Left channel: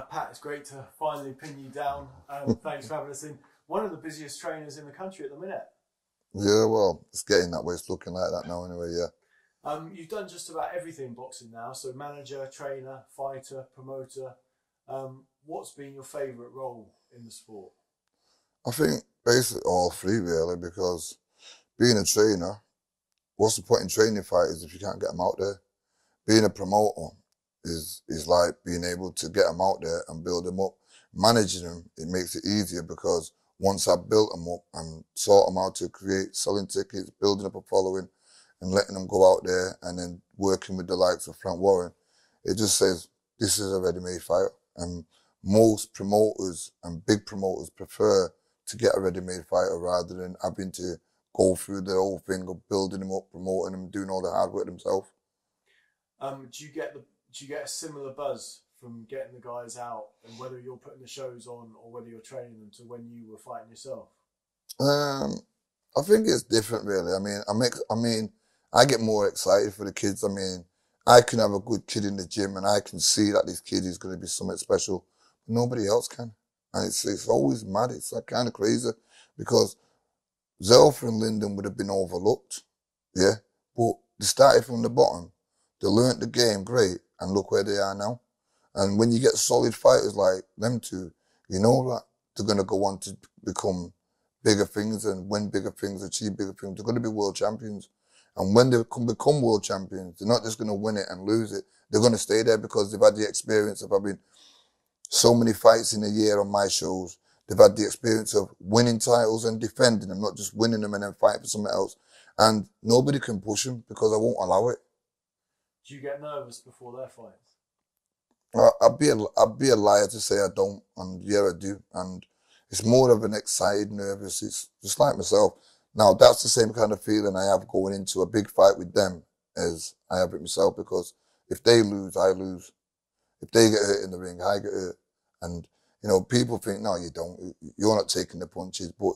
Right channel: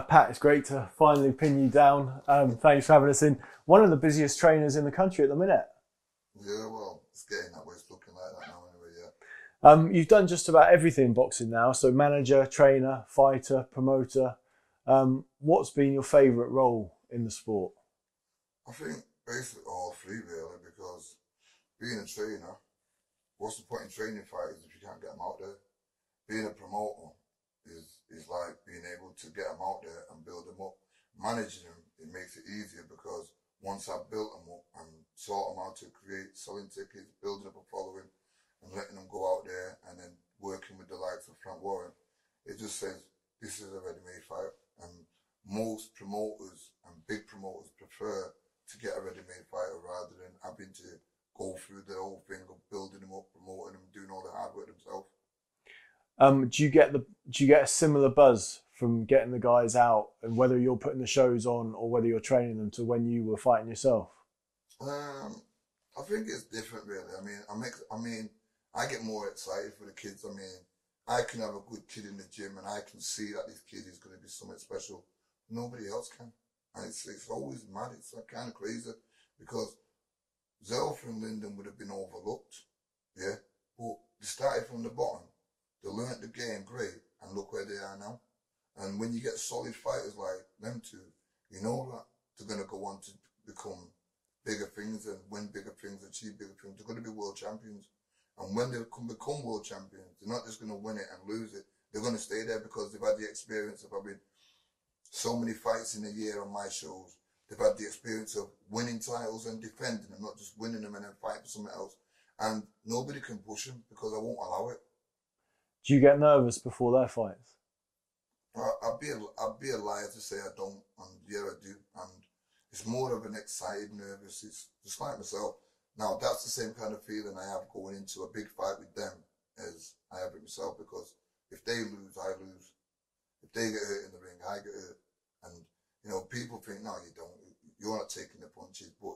Pat, it's great to finally pin you down. Thanks for having us in. One of the busiest trainers in the country at the minute. Yeah, well, it's getting that way. It's looking like that now anyway, yeah. You've done just about everything in boxing now. So manager, trainer, fighter, promoter. What's been your favourite role in the sport? I think basically all three really, because being a trainer, what's the point in training fighters if you can't get them out there? Being a promoter is like being able to get them out there and build them up. Managing them, it makes it easier because once I've built them up and taught them how to create selling tickets, building up a following and letting them go out there and then working with the likes of Frank Warren, it just says, this is a ready-made fighter. And most promoters and big promoters prefer to get a ready-made fighter rather than having to go through the whole thing of building them up, promoting them, doing all the hard work themselves. Do you get a similar buzz from getting the guys out, and whether you're putting the shows on or whether you're training them, to when you were fighting yourself? I think it's different, really. I get more excited for the kids. I mean, I can have a good kid in the gym, and I can see that this kid is going to be something special. But nobody else can, and it's always mad. It's like kind of crazy because Zelfa and Lyndon would have been overlooked, yeah. But they started from the bottom. They learnt the game great, and look where they are now. And when you get solid fighters like them two, you know that they're going to go on to become bigger things and win bigger things, achieve bigger things. They're going to be world champions. And when they become world champions, they're not just going to win it and lose it. They're going to stay there because they've had the experience of having so many fights in a year on my shows. They've had the experience of winning titles and defending them, not just winning them and then fighting for something else. And nobody can push them because I won't allow it. Do you get nervous before their fights? I'd be a liar to say I don't, and yeah, I do. And it's more of an excited, nervous. It's just like myself. Now, that's the same kind of feeling I have going into a big fight with them as I have with myself, because if they lose, I lose. If they get hurt in the ring, I get hurt. And, you know, people think, no, you don't. You're not taking the punches. But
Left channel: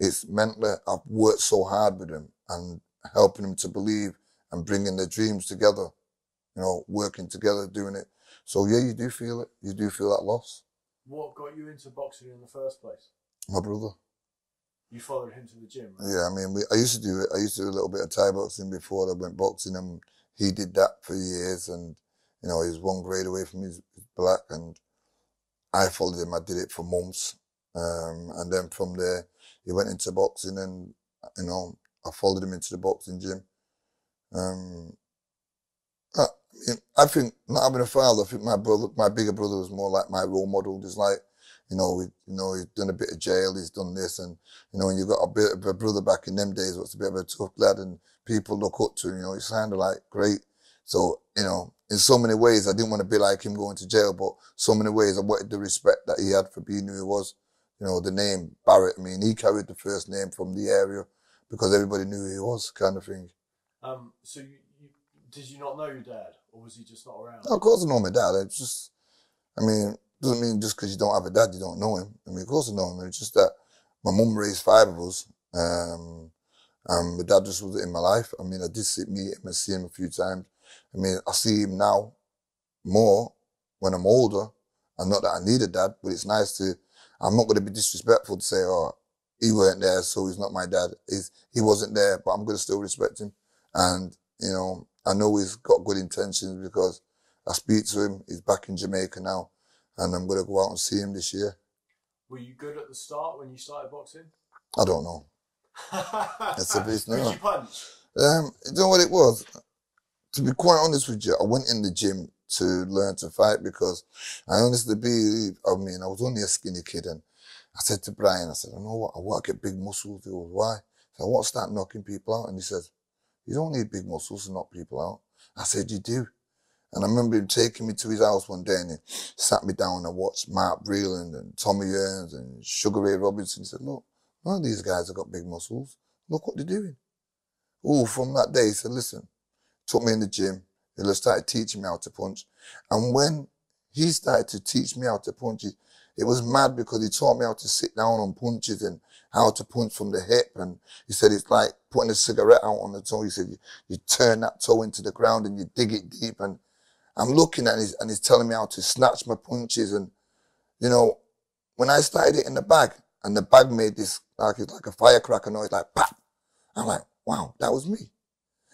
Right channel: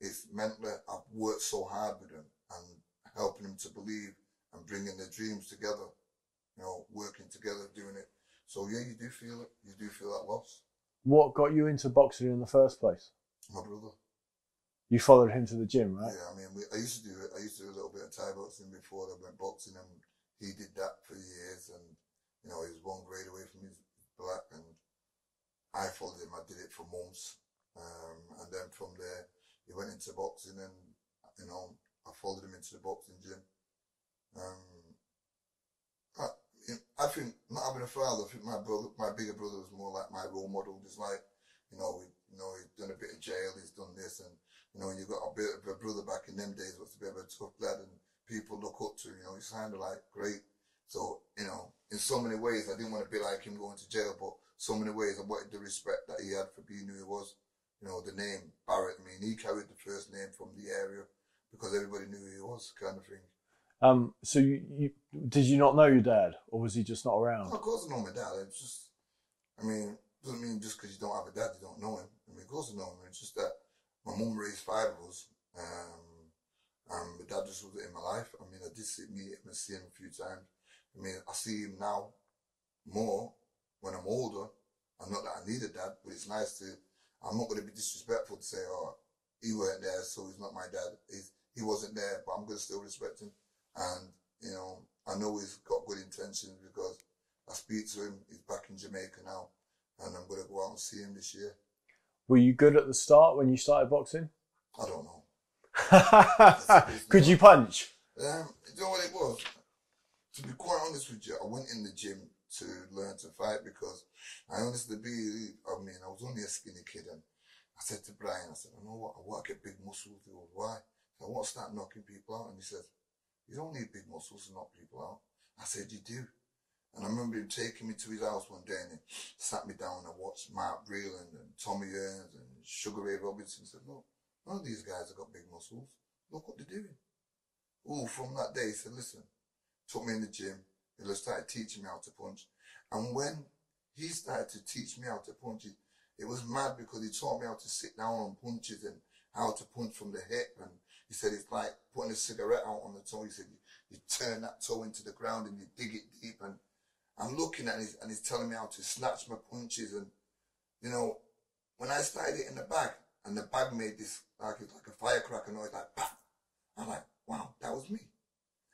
it's mentally, I've worked so hard with them and helping them to believe and bringing their dreams together, you know, working together, doing it. So, yeah, you do feel it. You do feel that loss. What got you into boxing in the first place? My brother. You followed him to the gym, right? Yeah, I mean, I used to do it. I used to do a little bit of Thai boxing before I went boxing, and he did that for years. And, you know, he was one grade away from his black, and I followed him. I did it for months. And then from there, he went into boxing, and, you know, I followed him into the boxing gym. I think not having a father, I think my bigger brother was more like my role model. Just like, he's done a bit of jail, he's done this, and, you know, when you got a bit of a brother back in them days, what's a bit of a tough lad, and people look up to him, you know, it's kind of like great. So, you know, in so many ways, I didn't want to be like him going to jail, but so many ways I wanted the respect that he had for being who he was. You know, the name Barrett, I mean, he carried the first name from the area because everybody knew who he was, kind of thing. So did you not know your dad, or was he just not around? Of course I know my dad. It's just, doesn't mean just because you don't have a dad, you don't know him. I mean, of course I know him. It's just that my mum raised 5 of us, and my dad just wasn't in my life. I mean, I did meet him and see him a few times. I mean, I see him now more when I'm older, and not that I need a dad, but it's nice to, I'm not going to be disrespectful to say, oh, he weren't there, so he's not my dad. He wasn't there, but I'm going to still respect him. And, you know, I know he's got good intentions because I speak to him. He's back in Jamaica now, and I'm going to go out and see him this year. Were you good at the start when you started boxing? I don't know. Could you punch? You know what it was? To be quite honest with you, I went in the gym to learn to fight because I honestly believe, I was only a skinny kid, and I said to Brian, I said, I know what, I want to get big muscles. He goes, why? I want to start knocking people out. And he says, you don't need big muscles to knock people out. I said, you do. And I remember him taking me to his house one day, and he sat me down and watched Mark Breland and Tommy Earns and Sugar Ray Robinson. He said, look, none of these guys have got big muscles. Look what they're doing. Oh, from that day, he said, listen, took me in the gym. He started teaching me how to punch. And when he started to teach me how to punch, it was mad because he taught me how to sit down on punches and how to punch from the hip. And he said it's like putting a cigarette out on the toe. He said you turn that toe into the ground and you dig it deep. And I'm looking at it and he's telling me how to snatch my punches. And, you know, when I started hitting the bag and the bag made this, like a firecracker noise, like pop, I'm like, wow, that was me.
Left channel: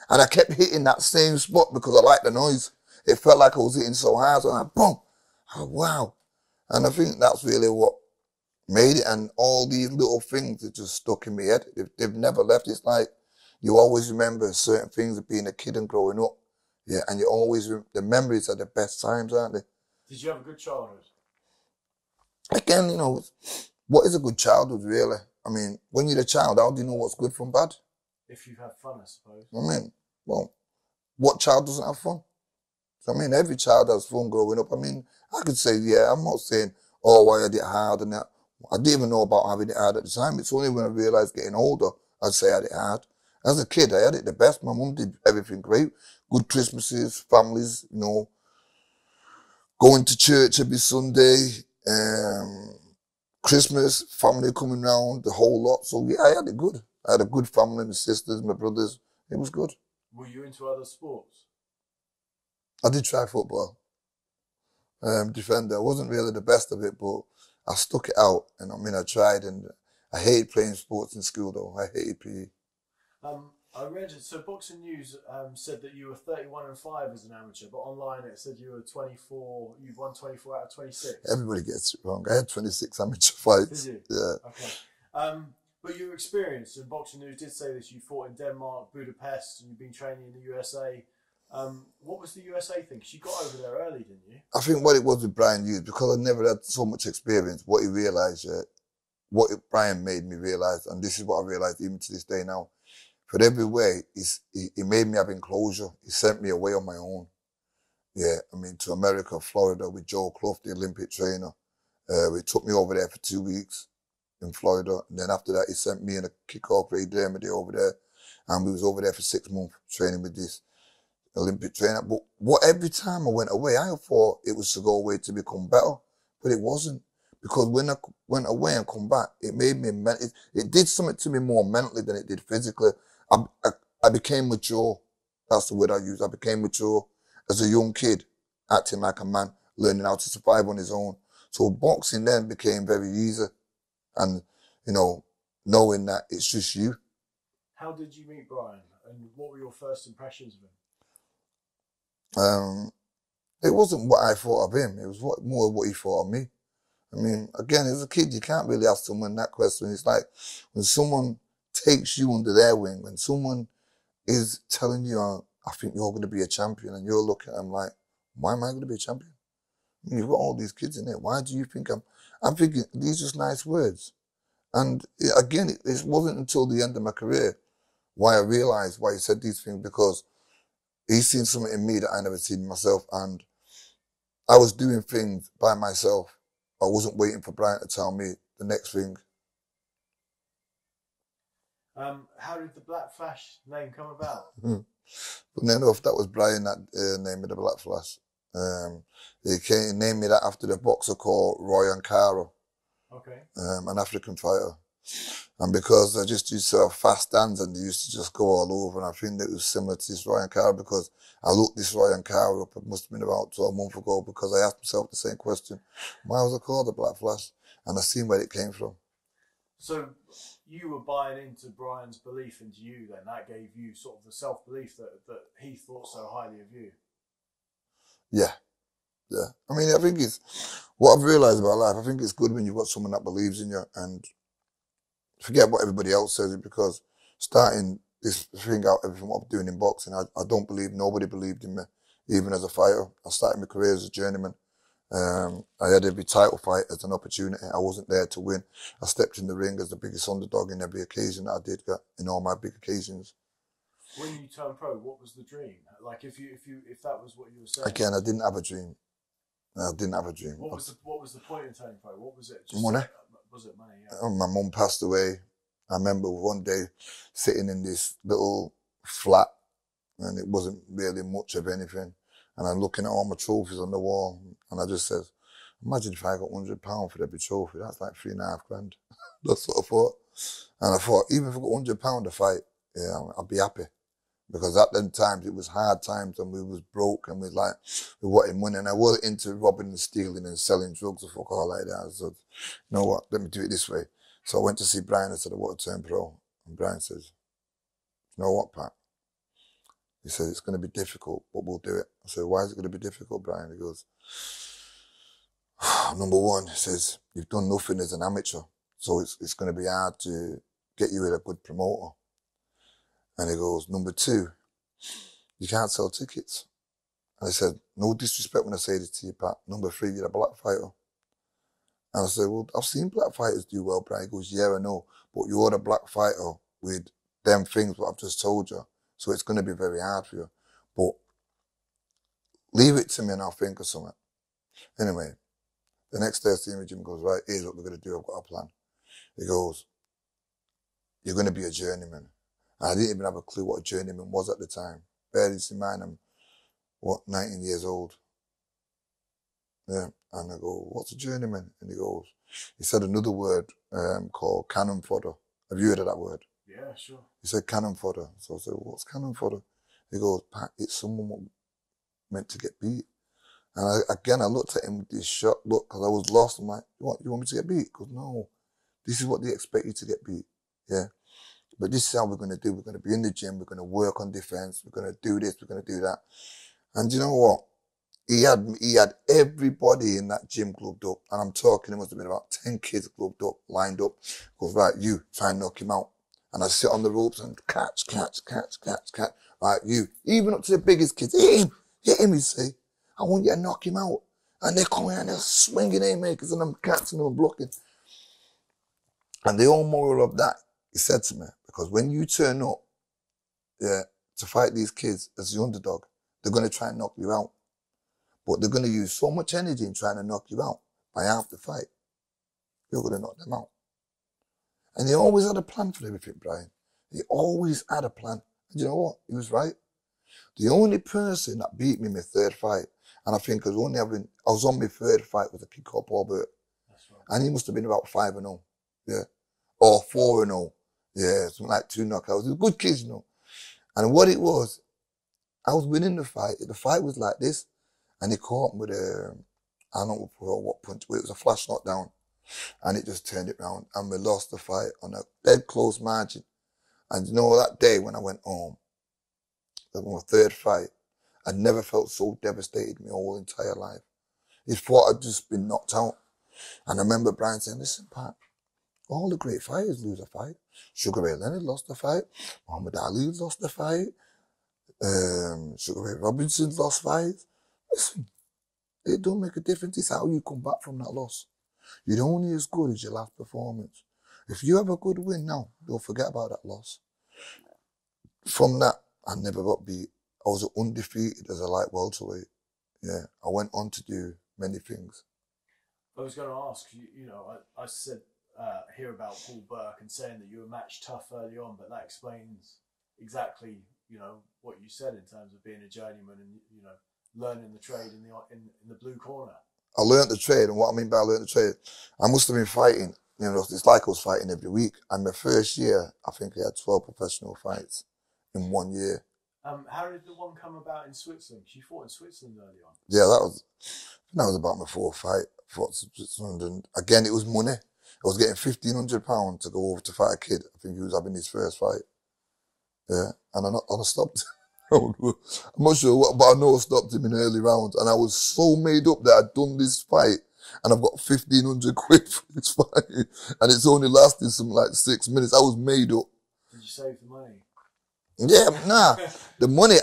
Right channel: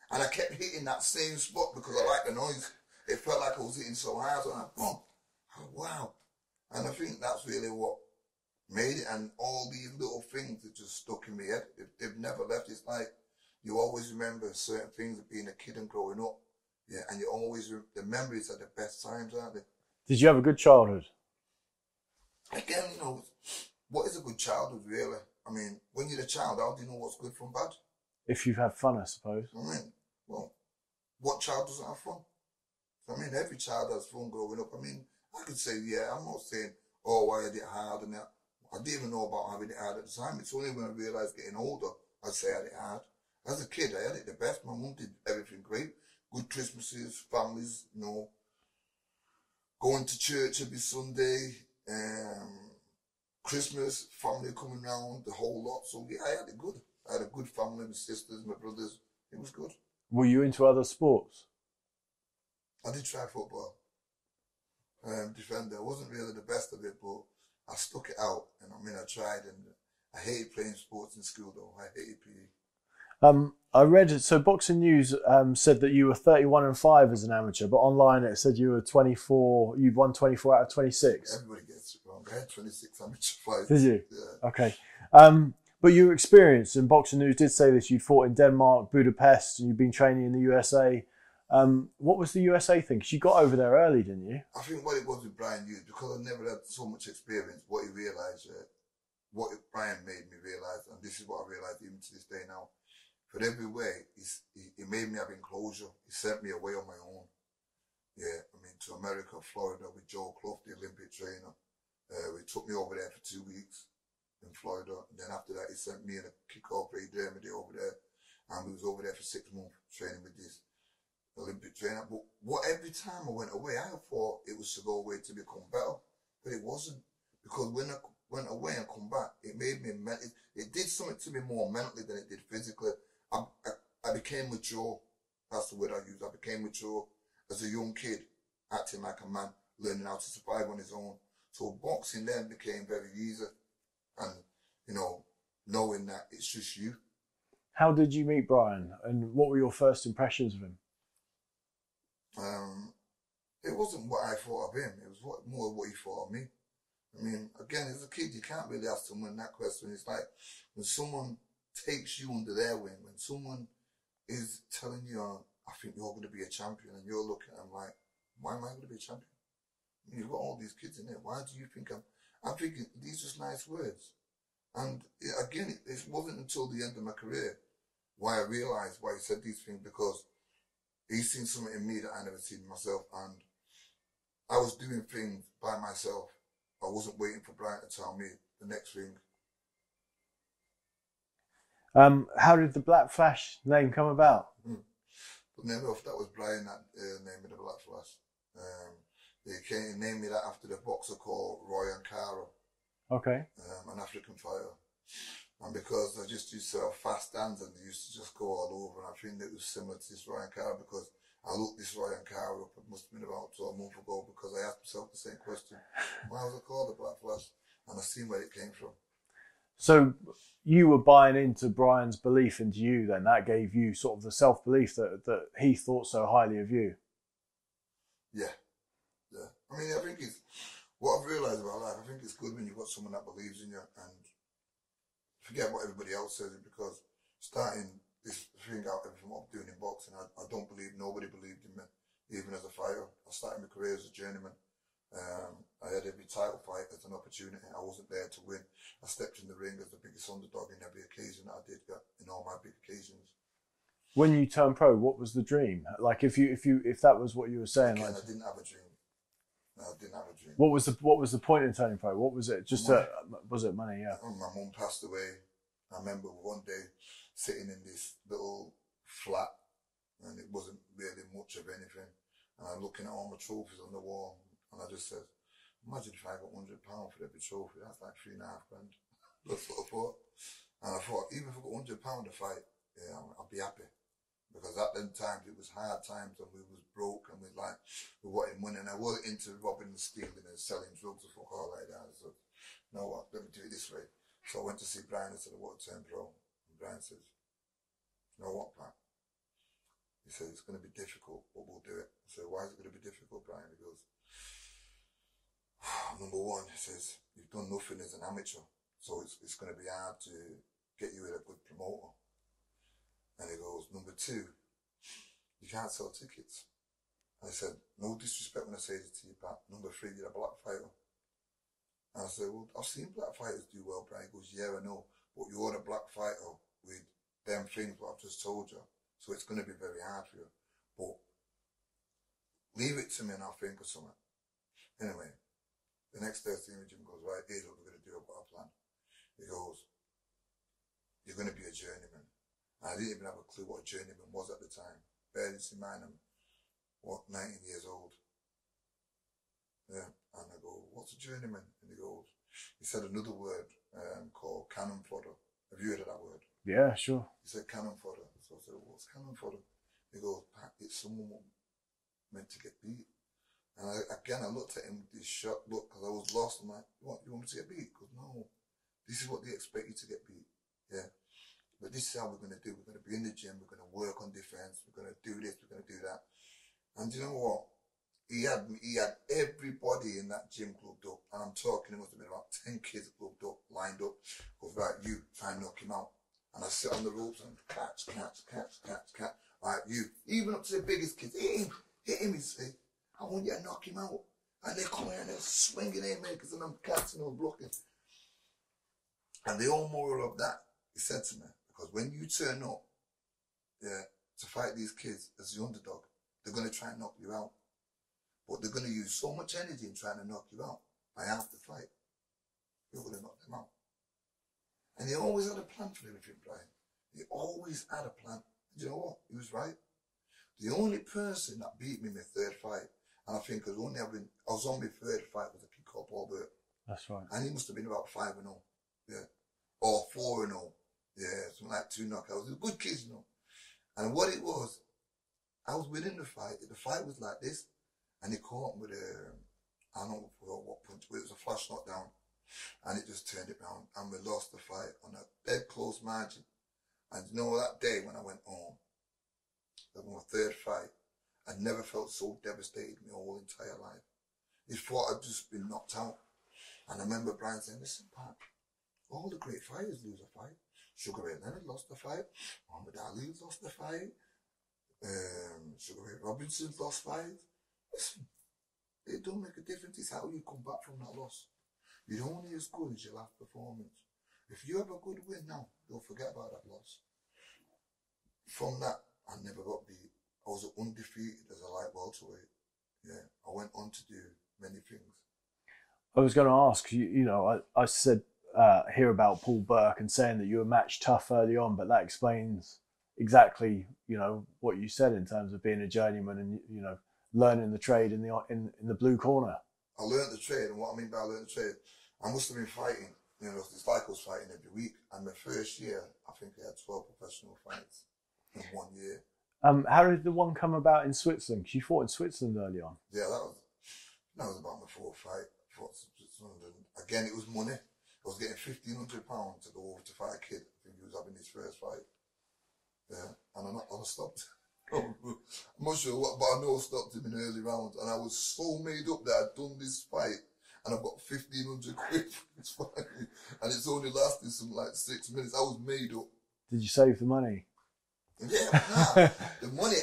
And I kept hitting that same spot because I liked the noise. It felt like I was hitting so hard. So I'm like, boom. Oh, wow. And I think that's really what made it. And all these little things that just stuck in my head. They've never left. It's like you always remember certain things of being a kid and growing up. Yeah, and you always, the memories are the best times, aren't they? Did you have a good childhood? Again, you know, what is a good childhood, really? I mean, when you're a child, how do you know what's good from bad? If you've had fun, I suppose. I mean, well, what child doesn't have fun? I mean, every child has fun growing up. I mean, I could say, yeah, I'm not saying, oh, I had it hard and that. I didn't even know about having it hard at the time. It's only when I realised getting older, I'd say I had it hard. As a kid, I had it the best. My mum did everything great. Good Christmases, families, you know, going to church every Sunday, Christmas, family coming round, the whole lot. So yeah, I had it good. I had a good family, my sisters, my brothers. It was good. Were you into other sports? I did try football. Defender. I wasn't really the best of it, but I stuck it out. And I mean, I tried, and I hated playing sports in school though. I hated PE. I read, so Boxing News said that you were 31-5 as an amateur, but online it said you were 24, you've won 24 out of 26. Everybody gets it wrong. I had 26 amateur fights. Did you? Yeah. Okay. But you were experienced, and Boxing News did say this, you'd fought in Denmark, Budapest, and you'd been training in the USA. What was the USA thing? Because you got over there early, didn't you? I think what it was with Brian Hughes, because I never had so much experience, what he realised, Brian made me realise, and this is what I realised even to this day now, for every way, he made me have enclosure. He sent me away on my own. Yeah, I mean, to America, Florida, with Joe Clough, the Olympic trainer. He took me over there for 2 weeks in Florida. And then after that, he sent me and a kick-off Ray Dermody over there. And we was over there for 6 months training with this Olympic trainer. But every time I went away, I thought it was to go away to become better. But it wasn't. Because when I went away and come back, it made me, it did something to me more mentally than it did physically. I became mature. That's the word I use. I became mature as a young kid, acting like a man, learning how to survive on his own. So boxing then became very easy. And, you know, knowing that it's just you. How did you meet Brian? And what were your first impressions of him? It wasn't what I thought of him. It was more what he thought of me. I mean, again, as a kid, you can't really ask someone that question. It's like when someone takes you under their wing, when someone is telling you, I think you're going to be a champion, and you're looking at them like, why am I going to be a champion? I mean, you've got all these kids in there. Why do you think I'm thinking, these are just nice words. And again, it wasn't until the end of my career why I realized why he said these things, because he's seen something in me that I never seen in myself. And I was doing things by myself. I wasn't waiting for Brian to tell me the next thing. How did the Black Flash name come about? But no enough, that was Brian that named me the Black Flash. He named me that after the boxer called Roy Ankara. Okay. An African fighter. And because I just used to have fast hands and they used to just go all over, and I think that it was similar to this Roy Ankara, because I looked this Roy Ankara up, it must have been about 12 months ago, because I asked myself the same question. Why was it called the Black Flash? And I seen where it came from. So you were buying into Brian's belief into you then. That gave you sort of the self-belief that he thought so highly of you. Yeah. Yeah. I mean, I think it's, what I've realised about life, I think it's good when you've got someone that believes in you, and forget what everybody else says, because starting this thing out, everything what I'm doing in boxing, I don't believe, nobody believed in me, even as a fighter. I started my career as a journeyman. I had every title fight as an opportunity. I wasn't there to win. I stepped in the ring as the biggest underdog in every occasion that I did get, in all my big occasions. When you turned pro, what was the dream? Like if that was what you were saying. Again, I didn't have a dream. I didn't have a dream. What was the point in turning pro? What was it? Just money. Was it money? Yeah. My mum passed away. I remember one day sitting in this little flat, and it wasn't really much of anything. And I'm looking at all my trophies on the wall, and I just said, imagine if I got £100 for every trophy. That's like $3.5 grand. That's what I thought. And I thought, even if I got £100 to fight, yeah, I'd be happy. Because at them times, it was hard times and we was broke and we wanted money. And I wasn't into robbing and stealing and selling drugs or fuck all like that. So, you know what, let me do it this way. So I went to see Brian and said, I want to turn pro. And Brian says, you know what, Pat? He said, it's going to be difficult, but we'll do it. I said, why is it going to be difficult, Brian? He goes, number one, he says, you've done nothing as an amateur. So it's going to be hard to get you with a good promoter. And he goes, number two, you can't sell tickets. And I said, no disrespect when I say this to you, Pat. Number three, you're a black fighter. And I said, well, I've seen black fighters do well, Brian. He goes, yeah, I know. But you're a black fighter with them things what I've just told you. So it's going to be very hard for you. But leave it to me and I'll think of something. Anyway, the next day I see him, Jim goes, right, here's what we're going to do. I've got a plan. He goes, you're going to be a journeyman. I didn't even have a clue what a journeyman was at the time. Barely in mind, I'm, 19 years old. Yeah. And I go, what's a journeyman? And he said another word called cannon fodder. Have you heard of that word? Yeah, sure. He said cannon fodder. So I said, what's cannon fodder? He goes, Pat, it's someone meant to get beat. And I looked at him with this shocked look because I was lost. I'm like, what, you want me to get beat? He goes, no, this is what they expect you to get beat. Yeah. But this is how we're going to do. We're going to be in the gym. We're going to work on defense. We're going to do this. We're going to do that. And you know what? He had everybody in that gym gloved up. And I'm talking, it must have been about 10 kids gloved up, lined up. He goes, right, you, try and knock him out. And I sit on the ropes and catch. Right, you, even up to the biggest kids, hit him, he say. I want you to knock him out. And they're coming and they're swinging haymakers and I'm catching them and blocking. And the whole moral of that, he said to me, because when you turn up, yeah, to fight these kids as the underdog, they're going to try and knock you out. But they're going to use so much energy in trying to knock you out. By half the fight, you're going to knock them out. And he always had a plan for everything, Brian. He always had a plan. And you know what? He was right. The only person that beat me in my third fight, and I think I was on my third fight with a kid called Paul Barrett. That's right. And he must have been about 5-0. Yeah. Or 4-0. Yeah, something like 2 knockouts. He was a good kid, you know. And what it was, I was winning the fight. The fight was like this. And he caught me with I don't know what punch, but it was a flash knockdown. And it just turned it round. And we lost the fight on a dead close margin. And you know, that day when I went home, that was my third fight, I'd never felt so devastated in my whole entire life. He thought I'd just been knocked out. And I remember Brian saying, listen, Pat, all the great fighters lose a fight. Sugar Ray Leonard lost the fight. Muhammad Ali lost the fight. Sugar Ray Robinson lost fights. Listen, it don't make a difference. It's how you come back from that loss. You're only as good as your last performance. If you have a good win now, don't forget about that loss. From that, I never got beat. I was undefeated as a light welterweight. Yeah, I went on to do many things. I was going to ask, you know, I said hear about Paul Burke and saying that you were match tough early on, but that explains exactly, you know, what you said in terms of being a journeyman and, you know, learning the trade in the blue corner. I learned the trade, and what I mean by I learned the trade, I must have been fighting. You know, it's like I was fighting every week. And my first year, I think I had 12 professional fights in 1 year. How did the one come about in Switzerland? Because you fought in Switzerland early on. Yeah, that was about my fourth fight. I fought in Switzerland, and again, it was money. I was getting £1,500 to go over to fight a kid. I think he was having his first fight. Yeah, and I stopped. I'm not sure what, but I know I stopped him in early rounds, and I was so made up that I'd done this fight, and I've got 1,500 quid for this fight, and it's only lasted some like 6 minutes. I was made up. Did you save the money? Yeah, nah. The money,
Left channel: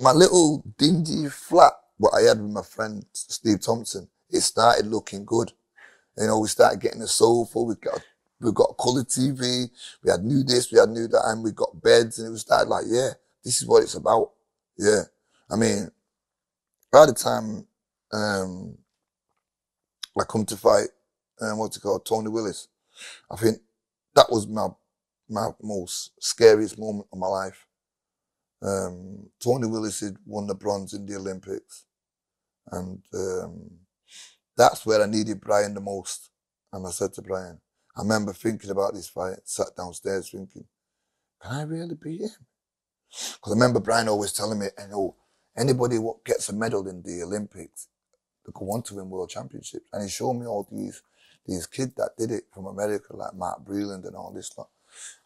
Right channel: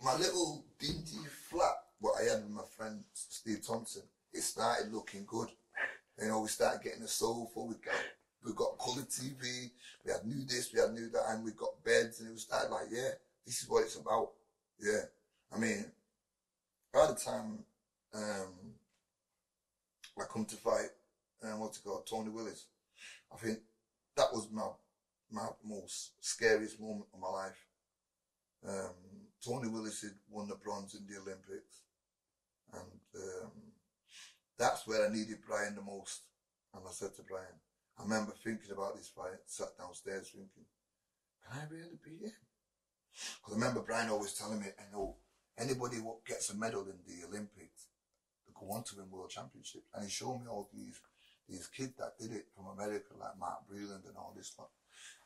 my little dingy flat, what I had with my friend Steve Thompson, it started looking good. You know, we started getting a sofa, we got colour TV, we had new this, we had new that, and we got beds, and it was started like, yeah, this is what it's about. Yeah. I mean, by the time I come to fight, Tony Willis, I think that was my most scariest moment of my life. Tony Willis had won the bronze in the Olympics. And that's where I needed Brian the most. And I said to Brian, I remember thinking about this fight, sat downstairs thinking, can I really beat him? Because I remember Brian always telling me, anybody what gets a medal in the Olympics, they go on to win world championships. And he showed me all these kids that did it from America, like Mark Breland and all this lot.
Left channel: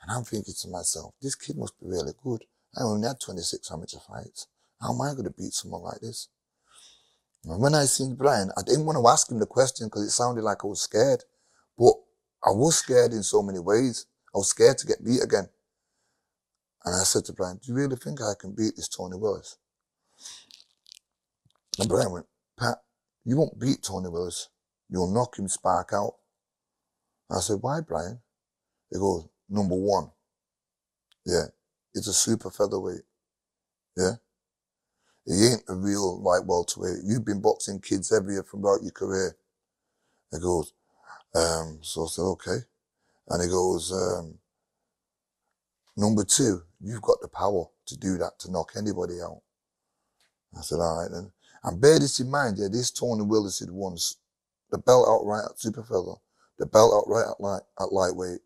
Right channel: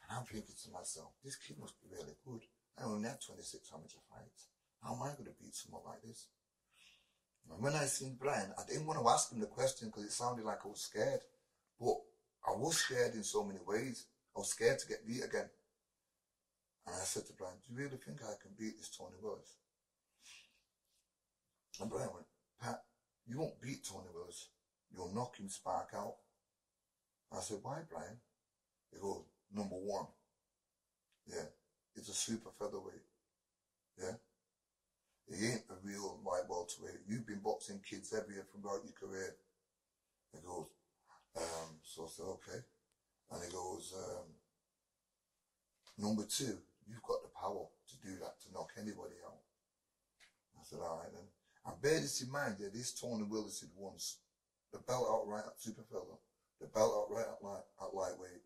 And I'm thinking to myself, this kid must be really good. I only had 26 amateur fights. How am I going to beat someone like this? And when I seen Brian, I didn't want to ask him the question because it sounded like I was scared. But I was scared in so many ways. I was scared to get beat again. And I said to Brian, do you really think I can beat this Tony Willis? And Brian went, Pat, you won't beat Tony Willis. You'll knock him spark out. I said, why, Brian? He goes, number one, yeah, it's a super featherweight, yeah? He ain't a real light welterweight. You've been boxing kids every year throughout your career. He goes, so I said, okay. And he goes, number two, you've got the power to do that, to knock anybody out. I said, all right then. And bear this in mind, yeah, this Tony Willis had won the belt outright at super feather, the belt outright at lightweight,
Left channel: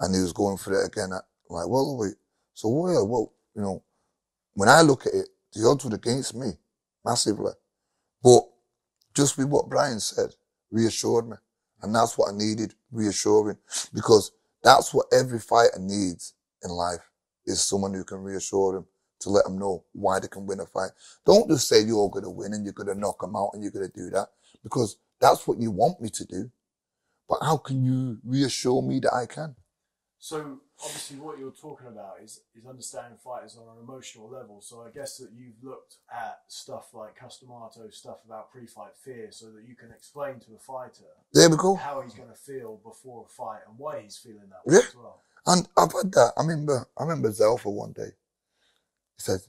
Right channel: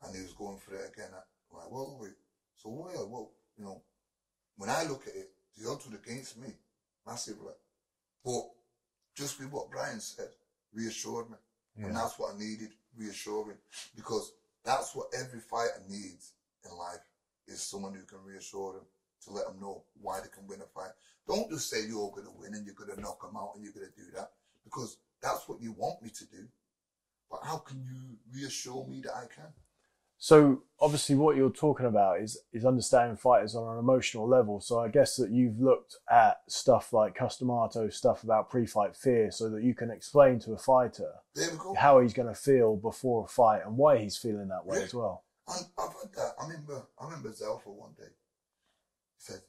and he was going for it again at like welterweight. So well, you know, when I look at it, the odds were against me massively. But just with what Brian said, reassured me. Yeah. And that's what I needed, reassuring. Because that's what every fighter needs in life, is someone who can reassure them, to let them know why they can win a fight. Don't just say you're going to win and you're going to knock them out and you're going to do that, because that's what you want me to do. But how can you reassure me that I can? So obviously what you're talking about is understanding fighters on an emotional level. So I guess that you've looked at stuff like Customato, stuff about pre-fight fear, so that you can explain to a fighter there we go. How he's going to feel before a fight and why he's feeling that way as well. And I've had that. I remember Zelfa one day. He said,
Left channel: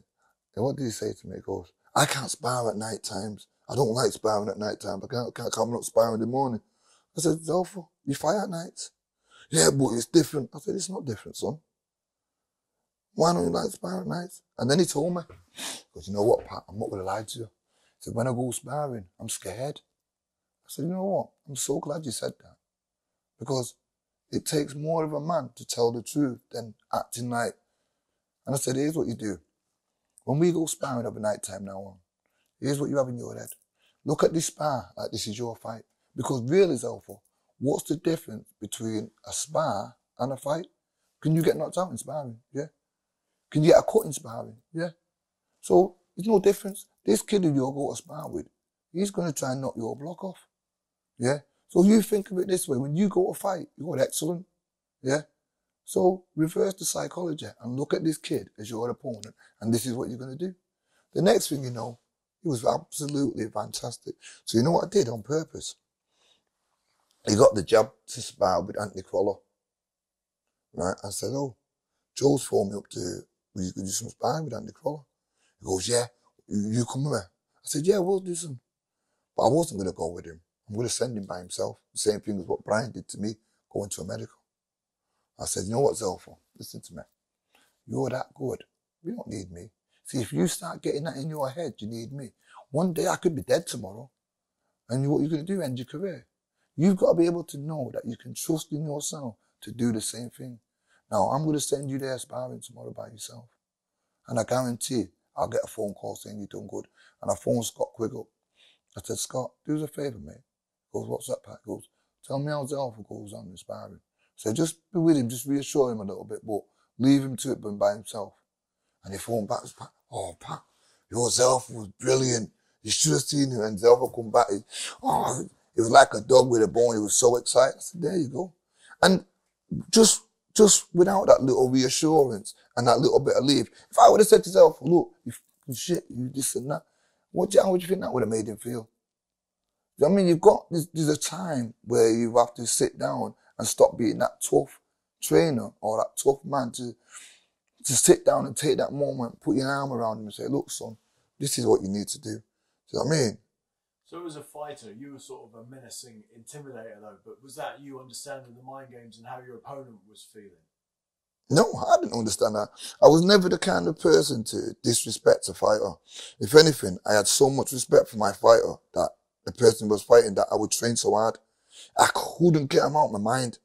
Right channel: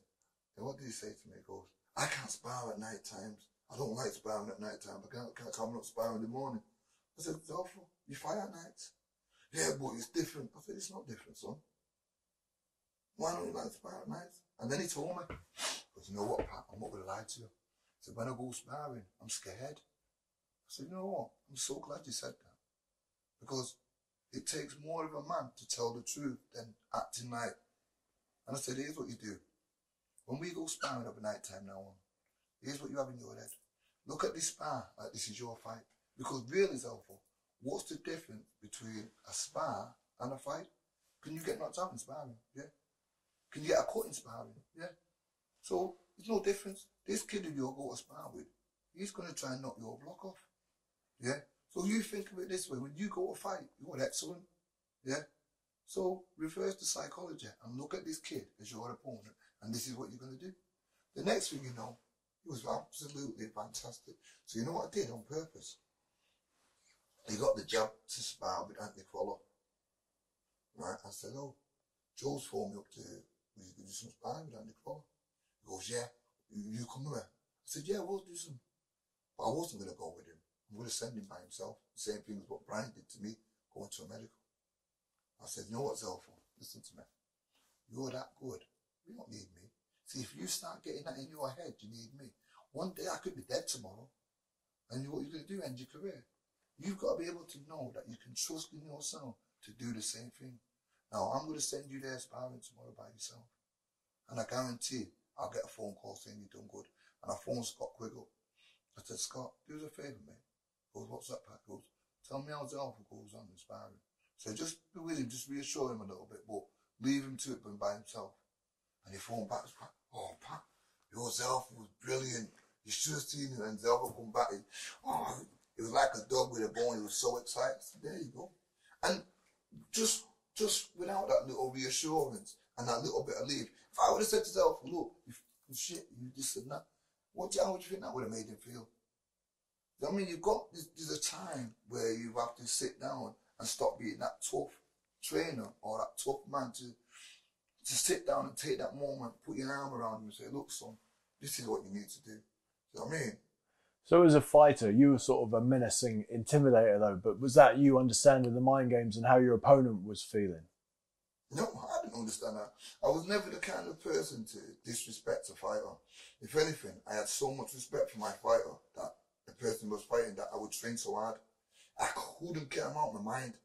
what did he say to me? He goes, I can't spar at night times. I don't like sparring at night time. I can't come up sparring in the morning. I said, Zelfa, you fight at nights? Yeah, but it's different. I said, it's not different, son. Why don't you like sparring at nights? And then he told me, because you know what, Pat, I'm not going to lie to you. He said, when I go sparring, I'm scared. I said, you know what, I'm so glad you said that. Because it takes more of a man to tell the truth than acting like. And I said, here's what you do. When we go sparring over night time now on, here's what you have in your head. Look at this spar like this is your fight. Because really, Zelfa, what's the difference between a spar and a fight? Can you get knocked out in sparring? Yeah. Can you get a cut in sparring? Yeah. So there's no difference. This kid who you're going to spar with, he's going to try and knock your block off. Yeah. So you think of it this way. When you go to fight, you're excellent. Yeah. So reverse the psychology and look at this kid as your opponent, and this is what you're going to do. The next thing you know, he was absolutely fantastic. So you know what I did on purpose? He got the job to spar with Anthony Crawler. Right? I said, Joe's phoned me up to, will you do some sparring with Anthony Crawler? He goes, yeah, you come with me. I said, yeah, we'll do some. But I wasn't going to go with him. I'm going to send him by himself. The same thing as what Brian did to me, going to America. I said, you know what, Zelfa? Listen to me. You're that good. You don't need me. See, if you start getting that in your head, you need me. One day I could be dead tomorrow. And what you're going to do, end your career. You've got to be able to know that you can trust in yourself to do the same thing. Now, I'm going to send you there sparring tomorrow by yourself. And I guarantee I'll get a phone call saying you've done good. And I phoned Scott Quigg up. I said, Scott, do us a favour, mate. He goes, what's that, Pat? He goes, tell me how Zelfa goes on the sparring. So just be with him, just reassure him a little bit, but leave him to it by himself. And he phoned back, oh, Pat, your Zelfa was brilliant. You should have seen him. And Zelfa come back, it was like a dog with a bone. He was so excited. I said, there you go. And just without that little reassurance and that little bit of leave, if I would have said to Zelfa, look, you shit, you this and that, how would you think that would have made him feel? I mean, there's a time where you have to sit down and stop being that tough trainer or that tough man to sit down and take that moment, put your arm around him and say, look, son, this is what you need to do. Do you know what I mean? So as a fighter, you were sort of a menacing intimidator though, but was that you understanding the mind games and how your opponent was feeling? No, I didn't understand that. I was never the kind of person to disrespect a fighter. If anything, I had so much respect for my fighter that the person was fighting that I would train so hard. I couldn't get him out of my mind.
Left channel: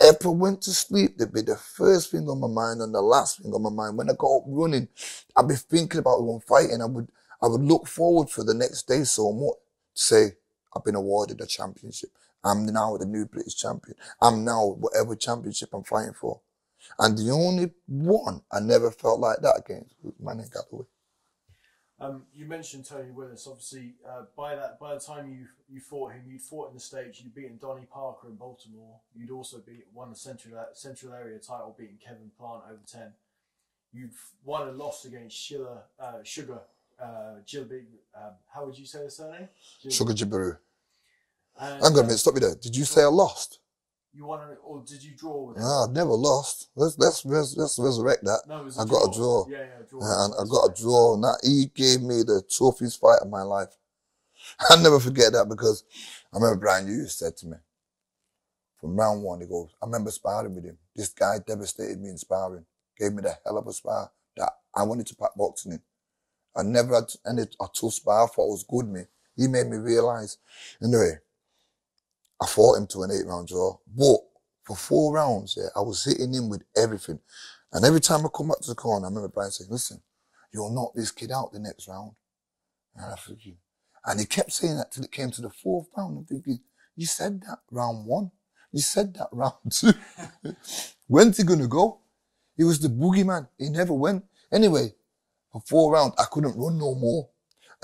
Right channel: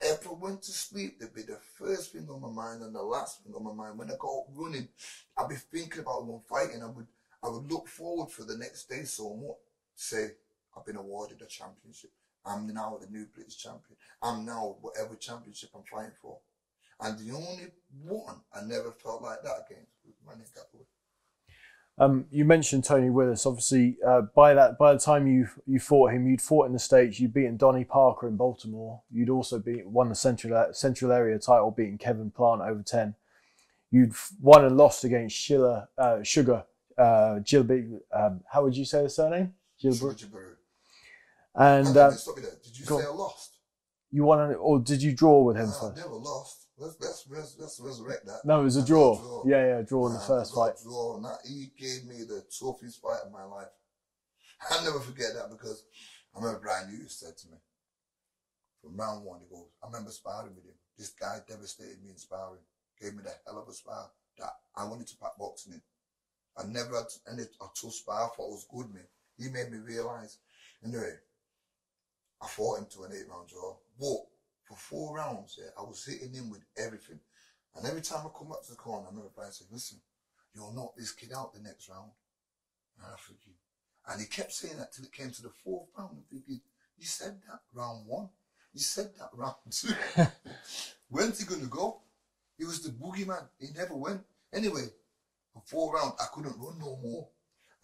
If I went to sleep, that'd be the first thing on my mind and the last thing on my mind. When I got up running, I'd be thinking about one fight, and I would look forward for the next day so much to say, I've been awarded a championship. I'm now the new British champion. I'm now whatever championship I'm fighting for. And the only one I never felt like that against was my name Galloway. You mentioned Tony Willis. Obviously, by the time you fought him, you'd fought in the States. You'd beaten Donnie Parker in Baltimore. You'd also won the Central Area title, beating Kevin Plant over 10. You'd won and lost against Sugar Gilbert. How would you say the surname? Sugar Jibaroo. And I'm going to stop you there. Did you say I lost? You won, or did you draw with him? No, I never lost. Let's resurrect that. No, it was a draw. Got a draw. Yeah, draw. Yeah, I got a draw. And he gave me the toughest fight of my life. I'll never forget that because I remember Brian Hughes said to me, from round one, he goes, I remember sparring with him. This guy devastated me in sparring. Gave me the hell of a spar that I wanted to pack boxing in. I never had a tough spar. I thought it was good, me. He made me realise. Anyway, I fought him to an 8-round draw. But for 4 rounds, I was hitting him with everything. And every time I come back to the corner, I remember Brian saying, listen, you'll knock this kid out the next round. And he kept saying that till it came to the 4th round. I'm thinking, you said that round 1. You said that round 2. When's he going to go? He was the boogeyman. He never went. Anyway, for 4 rounds, I couldn't run no more.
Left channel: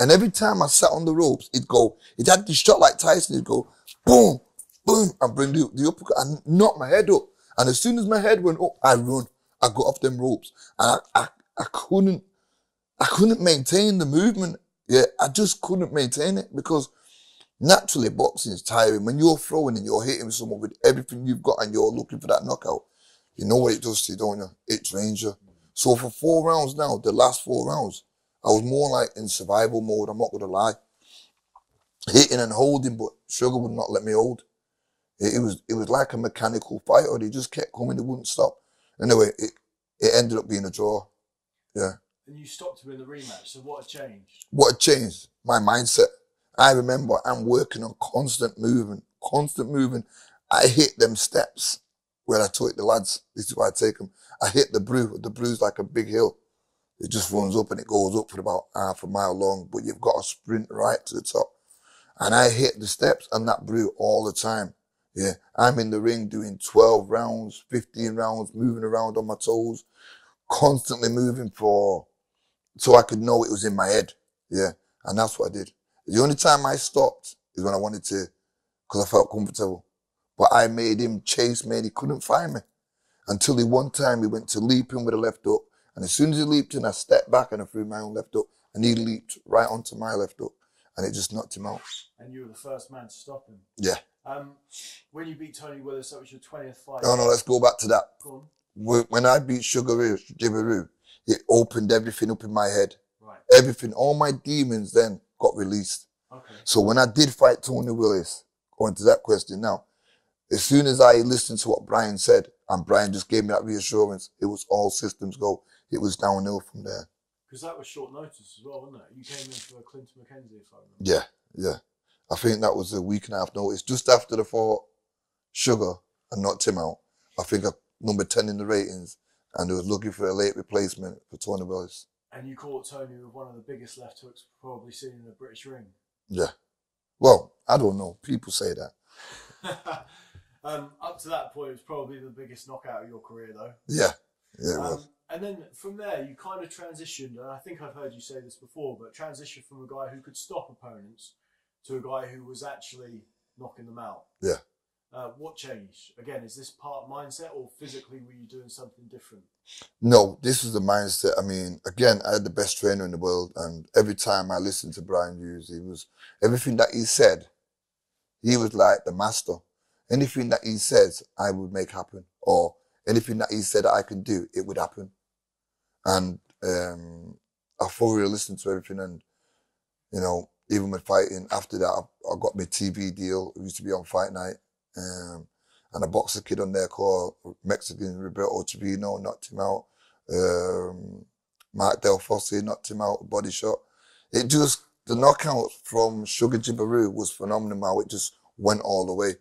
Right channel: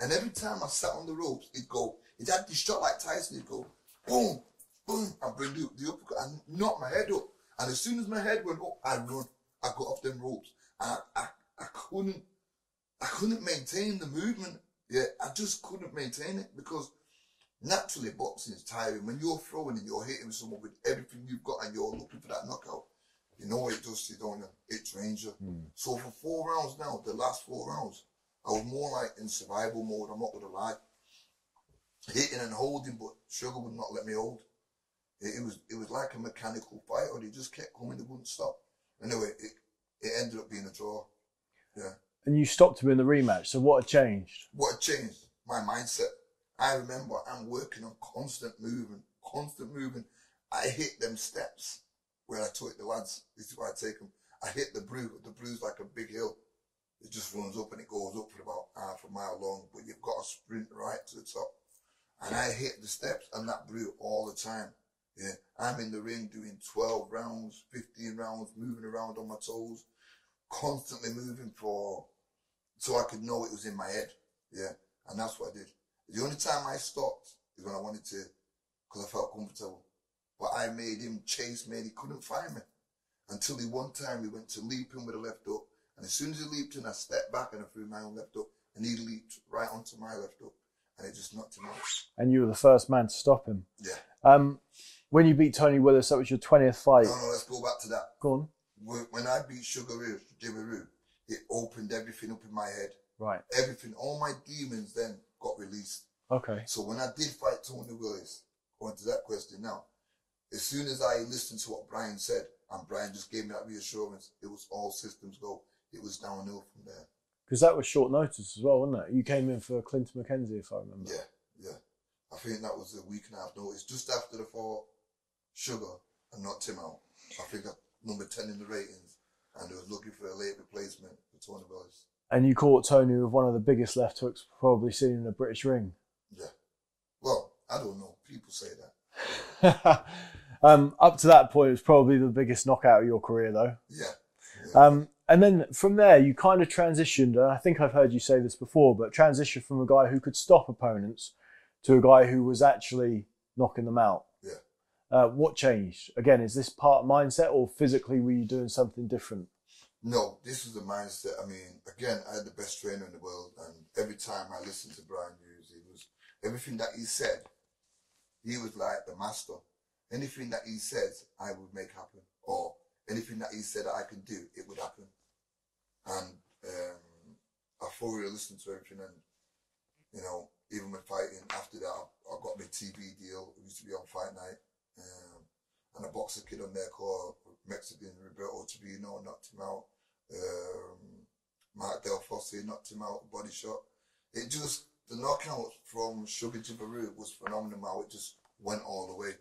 And every time I sat on the ropes, it had this shot like Tyson, it'd go, boom, boom, and bring the uppercut and knock my head up. And as soon as my head went up, I run. I got off them ropes. And I couldn't maintain the movement. Yeah, I just couldn't maintain it because naturally boxing is tiring. When you're throwing and you're hitting someone with everything you've got and you're looking for that knockout, you know what it does to you, don't you? It drains you. So for 4 rounds now, the last 4 rounds, I was more like in survival mode, I'm not going to lie. Hitting and holding, but Sugar would not let me hold. It was like a mechanical fight, or they just kept coming, they wouldn't stop. Anyway, it ended up being a draw. Yeah. And you stopped him in the rematch, so what had changed? What had changed? My mindset. I remember I'm working on constant movement. I hit them steps where I taught the lads. This is why I take them. I hit the brew. The brew's like a big hill. It just runs up and it goes up for about half a mile long, but you've got to sprint right to the top. And I hit the steps and that brew all the time. Yeah, I'm in the ring doing 12 rounds, 15 rounds, moving around on my toes, constantly moving so I could know it was in my head. Yeah, and that's what I did. The only time I stopped is when I wanted to, because I felt comfortable. But I made him chase me and he couldn't find me. Until one time he went to leap in with a left hook. And as soon as he leaped in, I stepped back and I threw my own left hook. And he leaped right onto my left hook. And it just knocked him out. And you were the first man to stop him? Yeah. When you beat Tony Willis, that was your 20th fight. No, let's go back to that. Go on. When I beat Sugar Jibaroo, it opened everything up in my head. Right. Everything, all my demons then got released. Okay. So when I did fight Tony Willis, going to that question now, as soon as I listened to what Brian said, and Brian just gave me that reassurance, it was all systems go. It was downhill from there. Because that was short notice as well, wasn't it? You came in for Clinton McKenzie, if I remember. Yeah. I think that was a week and a half notice. Just after the fought Sugar and knocked him out. I think I'm number 10 in the ratings, and they was looking for a late replacement for Tony Willis. And you caught Tony with one of the biggest left hooks probably seen in a British ring. Yeah. Well, I don't know. People say that. Up to that point, it was probably the biggest knockout of your career, though. Yeah. And then from there, you kind of transitioned, and I think I've heard you say this before, but transitioned from a guy who could stop opponents to a guy who was actually knocking them out. Yeah. What changed? Again, is this part mindset, or physically were you doing something different? No, this is the mindset. I mean, again, I had the best trainer in the world, and every time I listened to Brian Hughes, everything that he said, he was like the master. Anything that he says, I would make happen, or anything that he said I could do, it would happen. And I thoroughly listened to everything, and even with fighting, after that, I got my TV deal. It used to be on Fight Night. And a boxer kid on there called Mexican Roberto Trevino knocked him out. Mark Del Fosse knocked him out, body shot. The knockout from Sugar Jibaroo was phenomenal. How it just went all the way.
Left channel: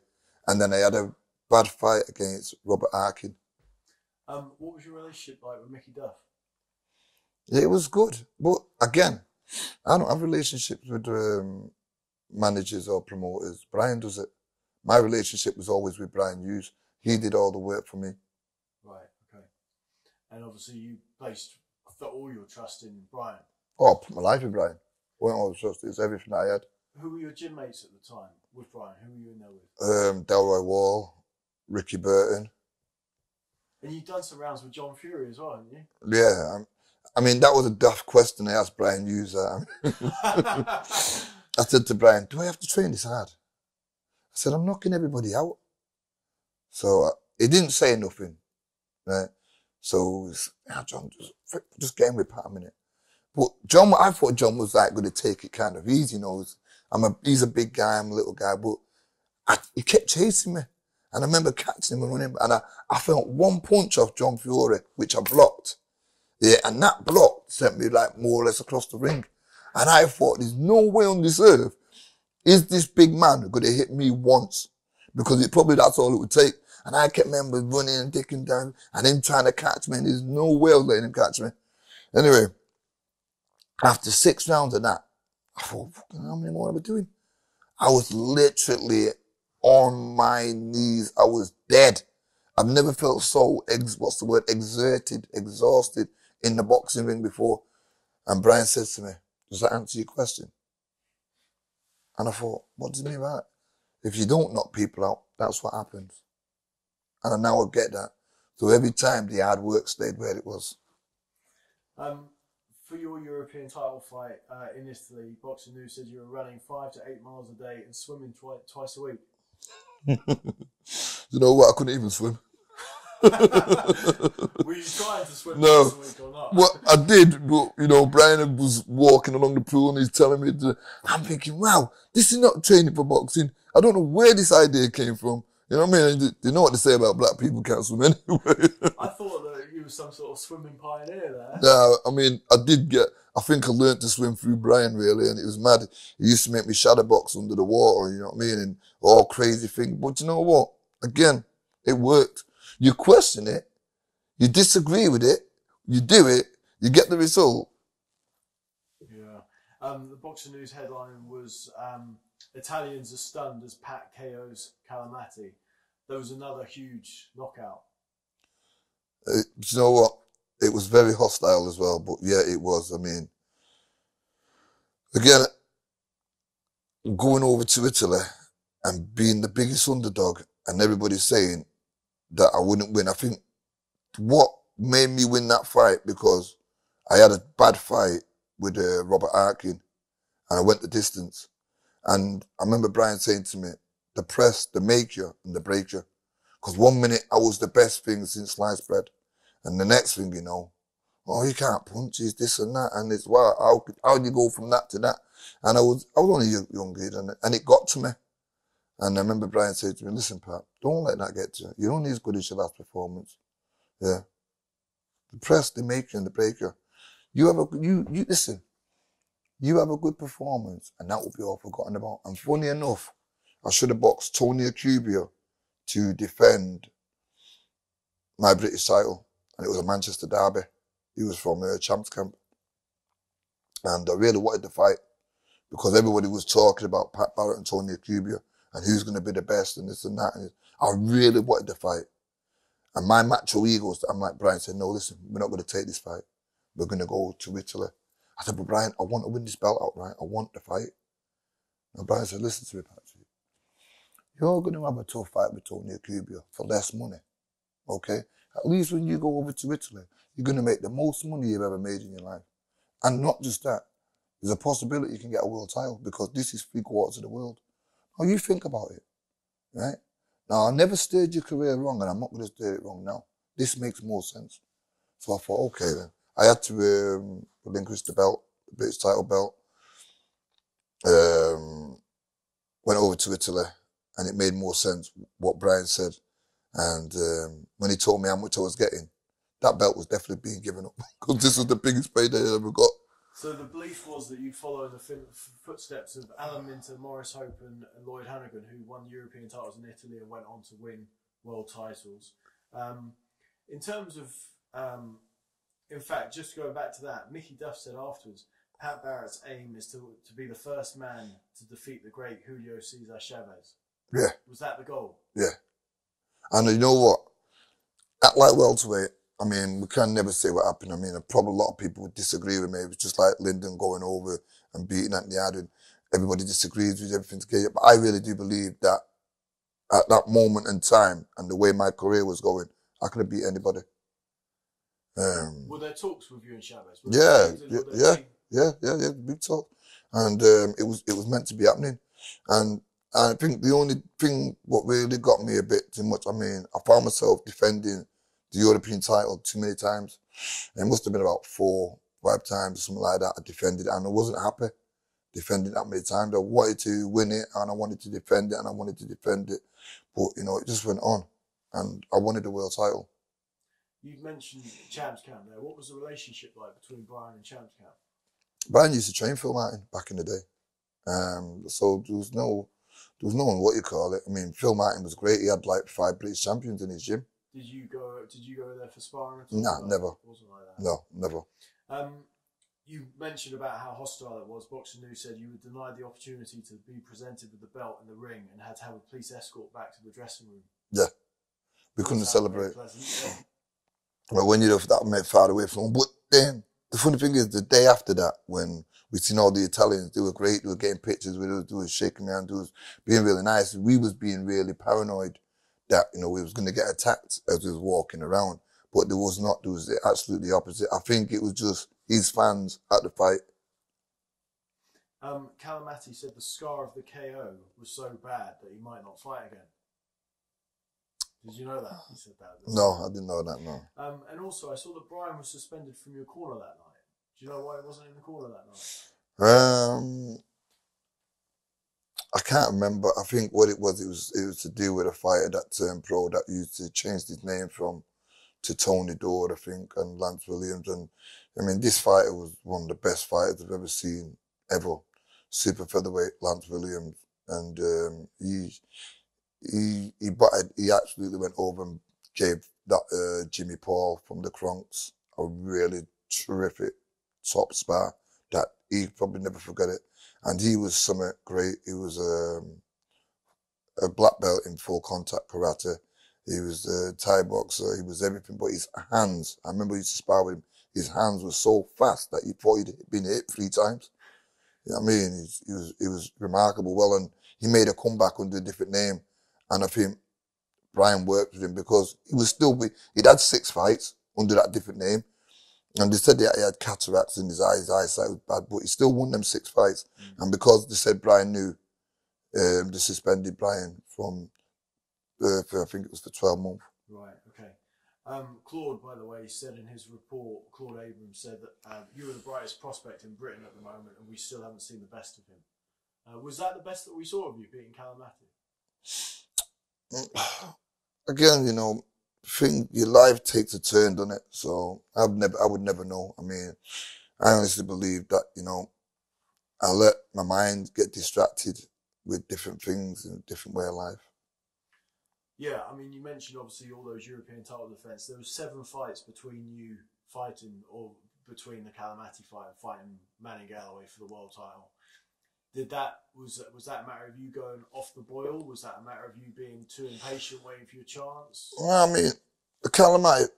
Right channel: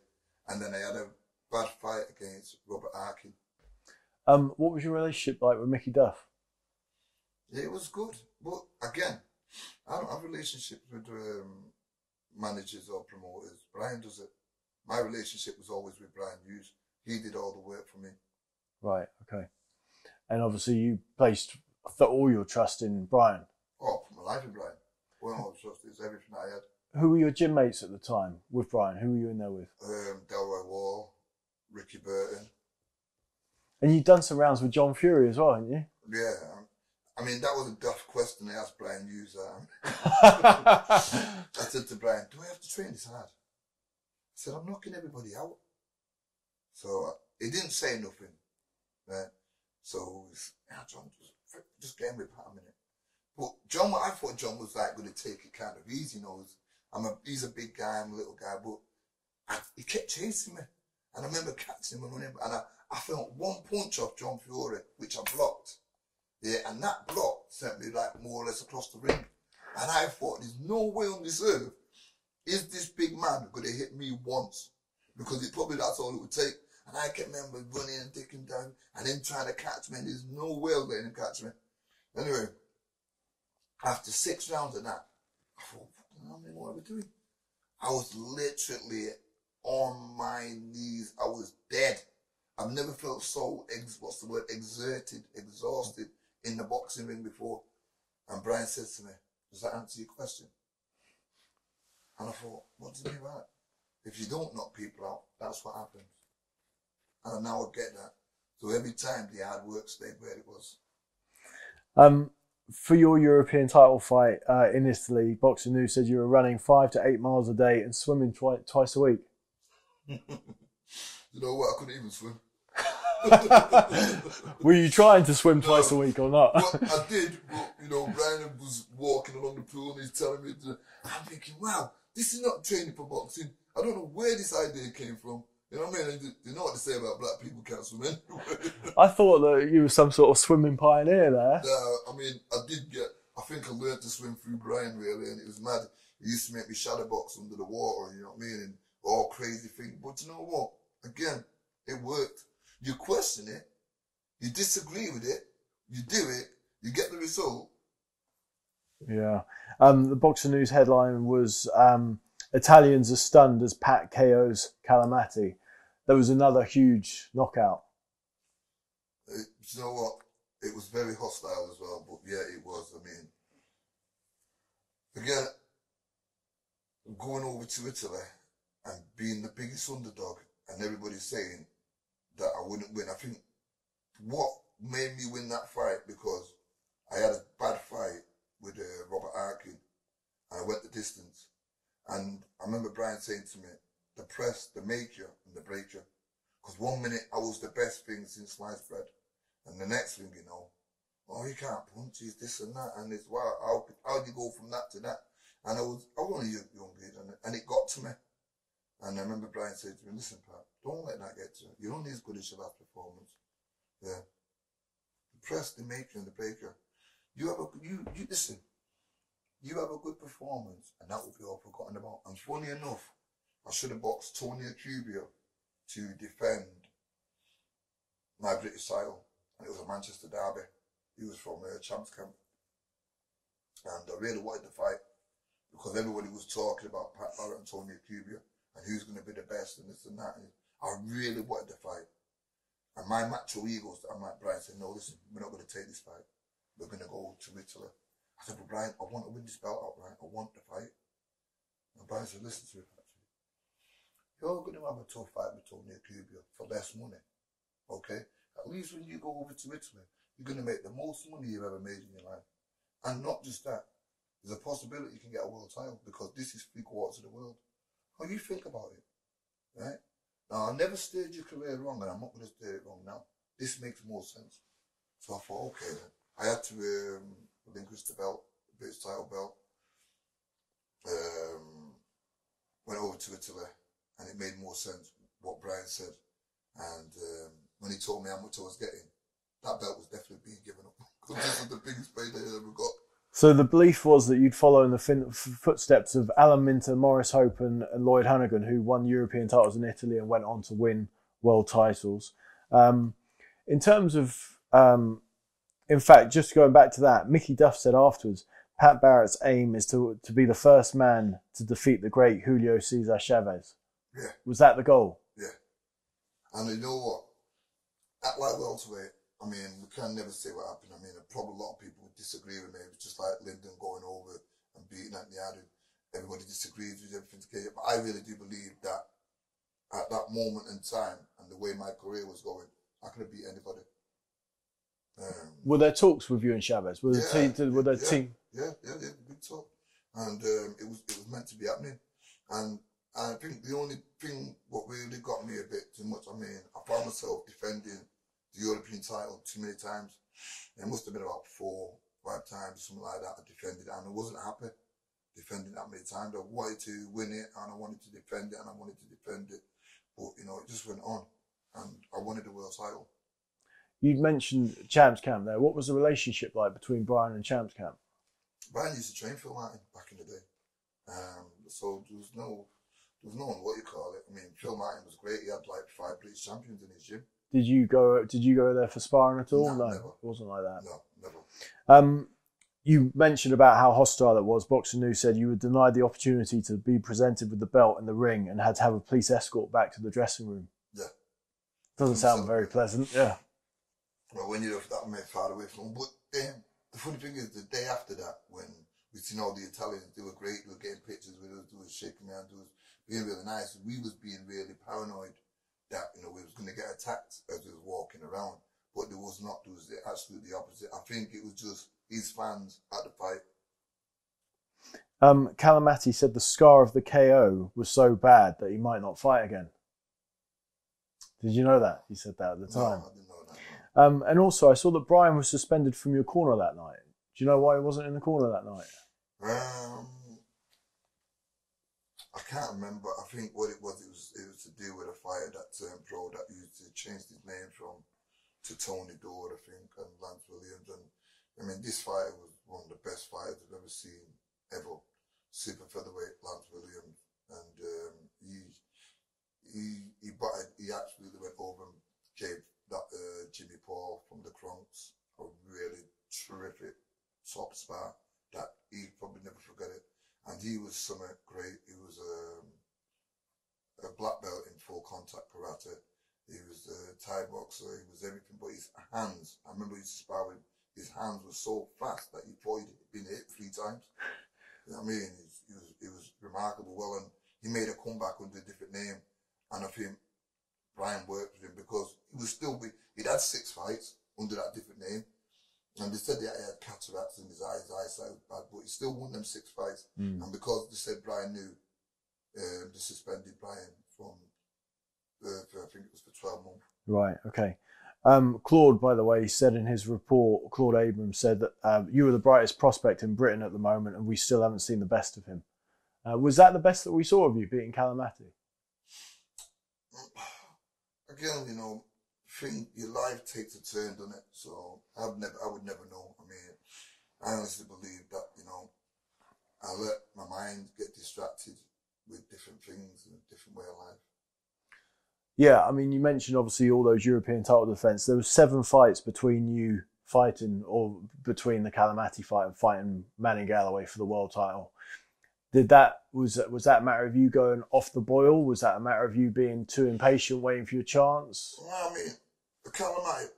And then I had a bad fight against Robert Arkin. What was your relationship like with Mickey Duff? Yeah, it was good. But again, I don't have relationships with managers or promoters. Brian does it. My relationship was always with Brian Hughes. He did all the work for me. Right, okay. And obviously you placed all your trust in Brian. Oh, I put my life in Brian. Wasn't all the trust, it's everything I had. Who were your gym mates at the time with Brian? Who were you in there with? Delroy Wall, Ricky Burton. And you'd done some rounds with John Fury as well, hadn't you? Yeah. I mean, that was a daft question I asked Brian Hughes. I said to Brian, do I have to train this hard? I said, I'm knocking everybody out. So he didn't say nothing, right? So, John, just get in with Pat a minute. But John, I thought John was like going to take it kind of easy, you know. He's a big guy, I'm a little guy, but he kept chasing me. And I remember catching him and running, and I felt one punch off John Fury, which I blocked. Yeah, and that block sent me like more or less across the ring. And I thought, there's no way on this earth is this big man going to hit me once, because that's all it would take. And I kept remember running and dicking down and him trying to catch me, and there's no way of letting him catch me. Anyway, after 6 rounds of that, I thought, how many more am I doing? I was literally on my knees. I was dead. I've never felt so, exerted, exhausted in the boxing ring before. And Brian says to me, does that answer your question? And I thought, what does he mean by that? If you don't knock people out, that's what happens. And now I get that. So every time the hard work stayed where it was. For your European title fight in Italy, Boxing News said you were running 5 to 8 miles a day and swimming twice a week. You know what? I couldn't even swim. Were you trying to swim twice a week or not? Well, I did, but Brian was walking along the pool and he's telling me I'm thinking, wow, this is not training for boxing. I don't know where this idea came from. You know what I mean? You know what they say about black people can't swim anyway. I thought that you were some sort of swimming pioneer there. No, I mean, I think I learned to swim through Brian, really, and it was mad. He used to make me shadow box under the water, you know what I mean, and all crazy things. But you know what? Again, it worked. You question it, you disagree with it, you do it, you get the result. Yeah. The Boxing News headline was Italians are stunned as Pat KOs Calamati. There was another huge knockout. You know what? It was very hostile as well, but yeah, it was. I mean, again, going over to Italy and being the biggest underdog and everybody saying that I wouldn't win. I think what made me win that fight, because I had a bad fight with Robert Arkin and I went the distance. And I remember Brian saying to me, the press, they make you and they break you. Because 1 minute I was the best thing since sliced bread. And the next thing, oh, you can't punch, he's this and that. And it's, wow, how do you go from that to that? And I was only a young kid, and it got to me. And I remember Brian saying to me, listen, Pat, don't let that get to you. You're only as good as your last performance. Yeah. The press, they make you and they break you. Listen, you have a good performance, and that will be all forgotten about. And funny enough, I should have boxed Tony Acubia to defend my British title. And it was a Manchester derby. He was from Champs Camp. And I really wanted to fight because everybody was talking about Pat Barrett and Tony Acubia and who's going to be the best and this and that. And I really wanted to fight. And my macho egos, I'm like, Brian said, no, listen, we're not going to take this fight. We're going to go to Italy. I said, but Brian, I want to win this belt outright. I want to fight. And Brian said, listen to me, Pat. You're going to have a tough fight with Tony Acubia for less money, okay? At least when you go over to Italy, you're going to make the most money you've ever made in your life. And not just that, there's a possibility you can get a world title because this is 3/4 of the world. Now you think about it, right? Now I never steered your career wrong and I'm not going to steer it wrong now. This makes more sense. So I thought, okay then. I had to relinquish the belt, the British title belt. Went over to Italy and it made more sense what Brian said. And when he told me how much I was getting, that belt was definitely being given up because this was the biggest payday I ever got. So the belief was that you'd follow in the footsteps of Alan Minter, Maurice Hope and Lloyd Hannigan, who won European titles in Italy and went on to win world titles. In terms of, in fact, just going back to that, Mickey Duff said afterwards, Pat Barrett's aim is to be the first man to defeat the great Julio Cesar Chavez. Yeah. Was that the goal? Yeah. And you know what? At light welterweight, I mean, we can never say what happened. I mean, probably a lot of people would disagree with me. It was just like Lyndon going over and beating Anthony Adden. Everybody disagrees with everything together. But I really do believe that at that moment in time and the way my career was going, I could have beat anybody. Were there talks with you and Chavez? Yeah, big talk. And it was meant to be happening. And I think the only thing what really got me a bit too much, I mean, I found myself defending the European title too many times. It must have been about 4, 5 times, something like that. I defended it and I wasn't happy defending that many times. I wanted to win it and I wanted to defend it and I wanted to defend it. But, you know, it just went on and I wanted the world title. You mentioned Champs Camp there. What was the relationship like between Brian and Champs Camp? Brian used to train Phil Martin back in the day. So there was no one, what you call it. I mean, Phil Martin was great. He had like 5 British champions in his gym. Did you go there for sparring at all? No, never. It wasn't like that. No, never. You mentioned about how hostile it was. Boxing News said you were denied the opportunity to be presented with the belt in the ring and had to have a police escort back to the dressing room. Yeah. We Doesn't couldn't sound celebrate. very pleasant. Yeah. Well, when you're that made far away from him. But then the funny thing is, the day after that, when we seen all the Italians, they were great. They were getting pictures with us. They were shaking hands. They was being really nice. We was being really paranoid that, you know, we was going to get attacked as we was walking around. But there was not. There was absolutely the opposite. I think it was just his fans at the fight. Calamati said the scar of the KO was so bad that he might not fight again. Did you know that? He said that at the time. No, I didn't know that, no. And also, I saw that Brian was suspended from your corner that night. Do you know why he wasn't in the corner that night? I can't remember. I think what it was to do with a fighter that turned pro that used to change his name to Tony Dodd, I think, and Lance Williams. And I mean, this fighter was one of the best fighters I've ever seen, ever. Super featherweight Lance Williams. And he absolutely went over and gave that Jimmy Paul from the Kronks a really terrific top spar that he probably never forget it. And he was something great. He was a black belt in full contact karate. He was a Thai boxer. He was everything, but his hands, I remember he used to spar with him, his hands were so fast that he thought he'd been hit 3 times. You know what I mean? He was remarkable. Well, and he made a comeback under a different name. And I think Brian worked with him because he'd had 6 fights under that different name. And they said that he had cataracts in his eyes, his eyesight was bad, but he still won them 6 fights. And because they said Brian knew, they suspended Brian from, I think it was for 12 months. Right, okay. Claude, by the way, said in his report, Claude Abrams said that you were the brightest prospect in Britain at the moment and we still haven't seen the best of him. Was that the best that we saw of you, beating Calamati? Again, you know, your life takes a turn, doesn't it? So I would never know. I mean, I honestly believe that, you know, I let my mind get distracted with different things in a different way of life. Yeah, I mean, you mentioned obviously all those European title defense. There was 7 fights between you fighting, or between the Calamati fight and fighting Manny Galloway for the world title. Was that a matter of you going off the boil? Was that a matter of you being too impatient, waiting for your chance? Well, I mean, the Calamati,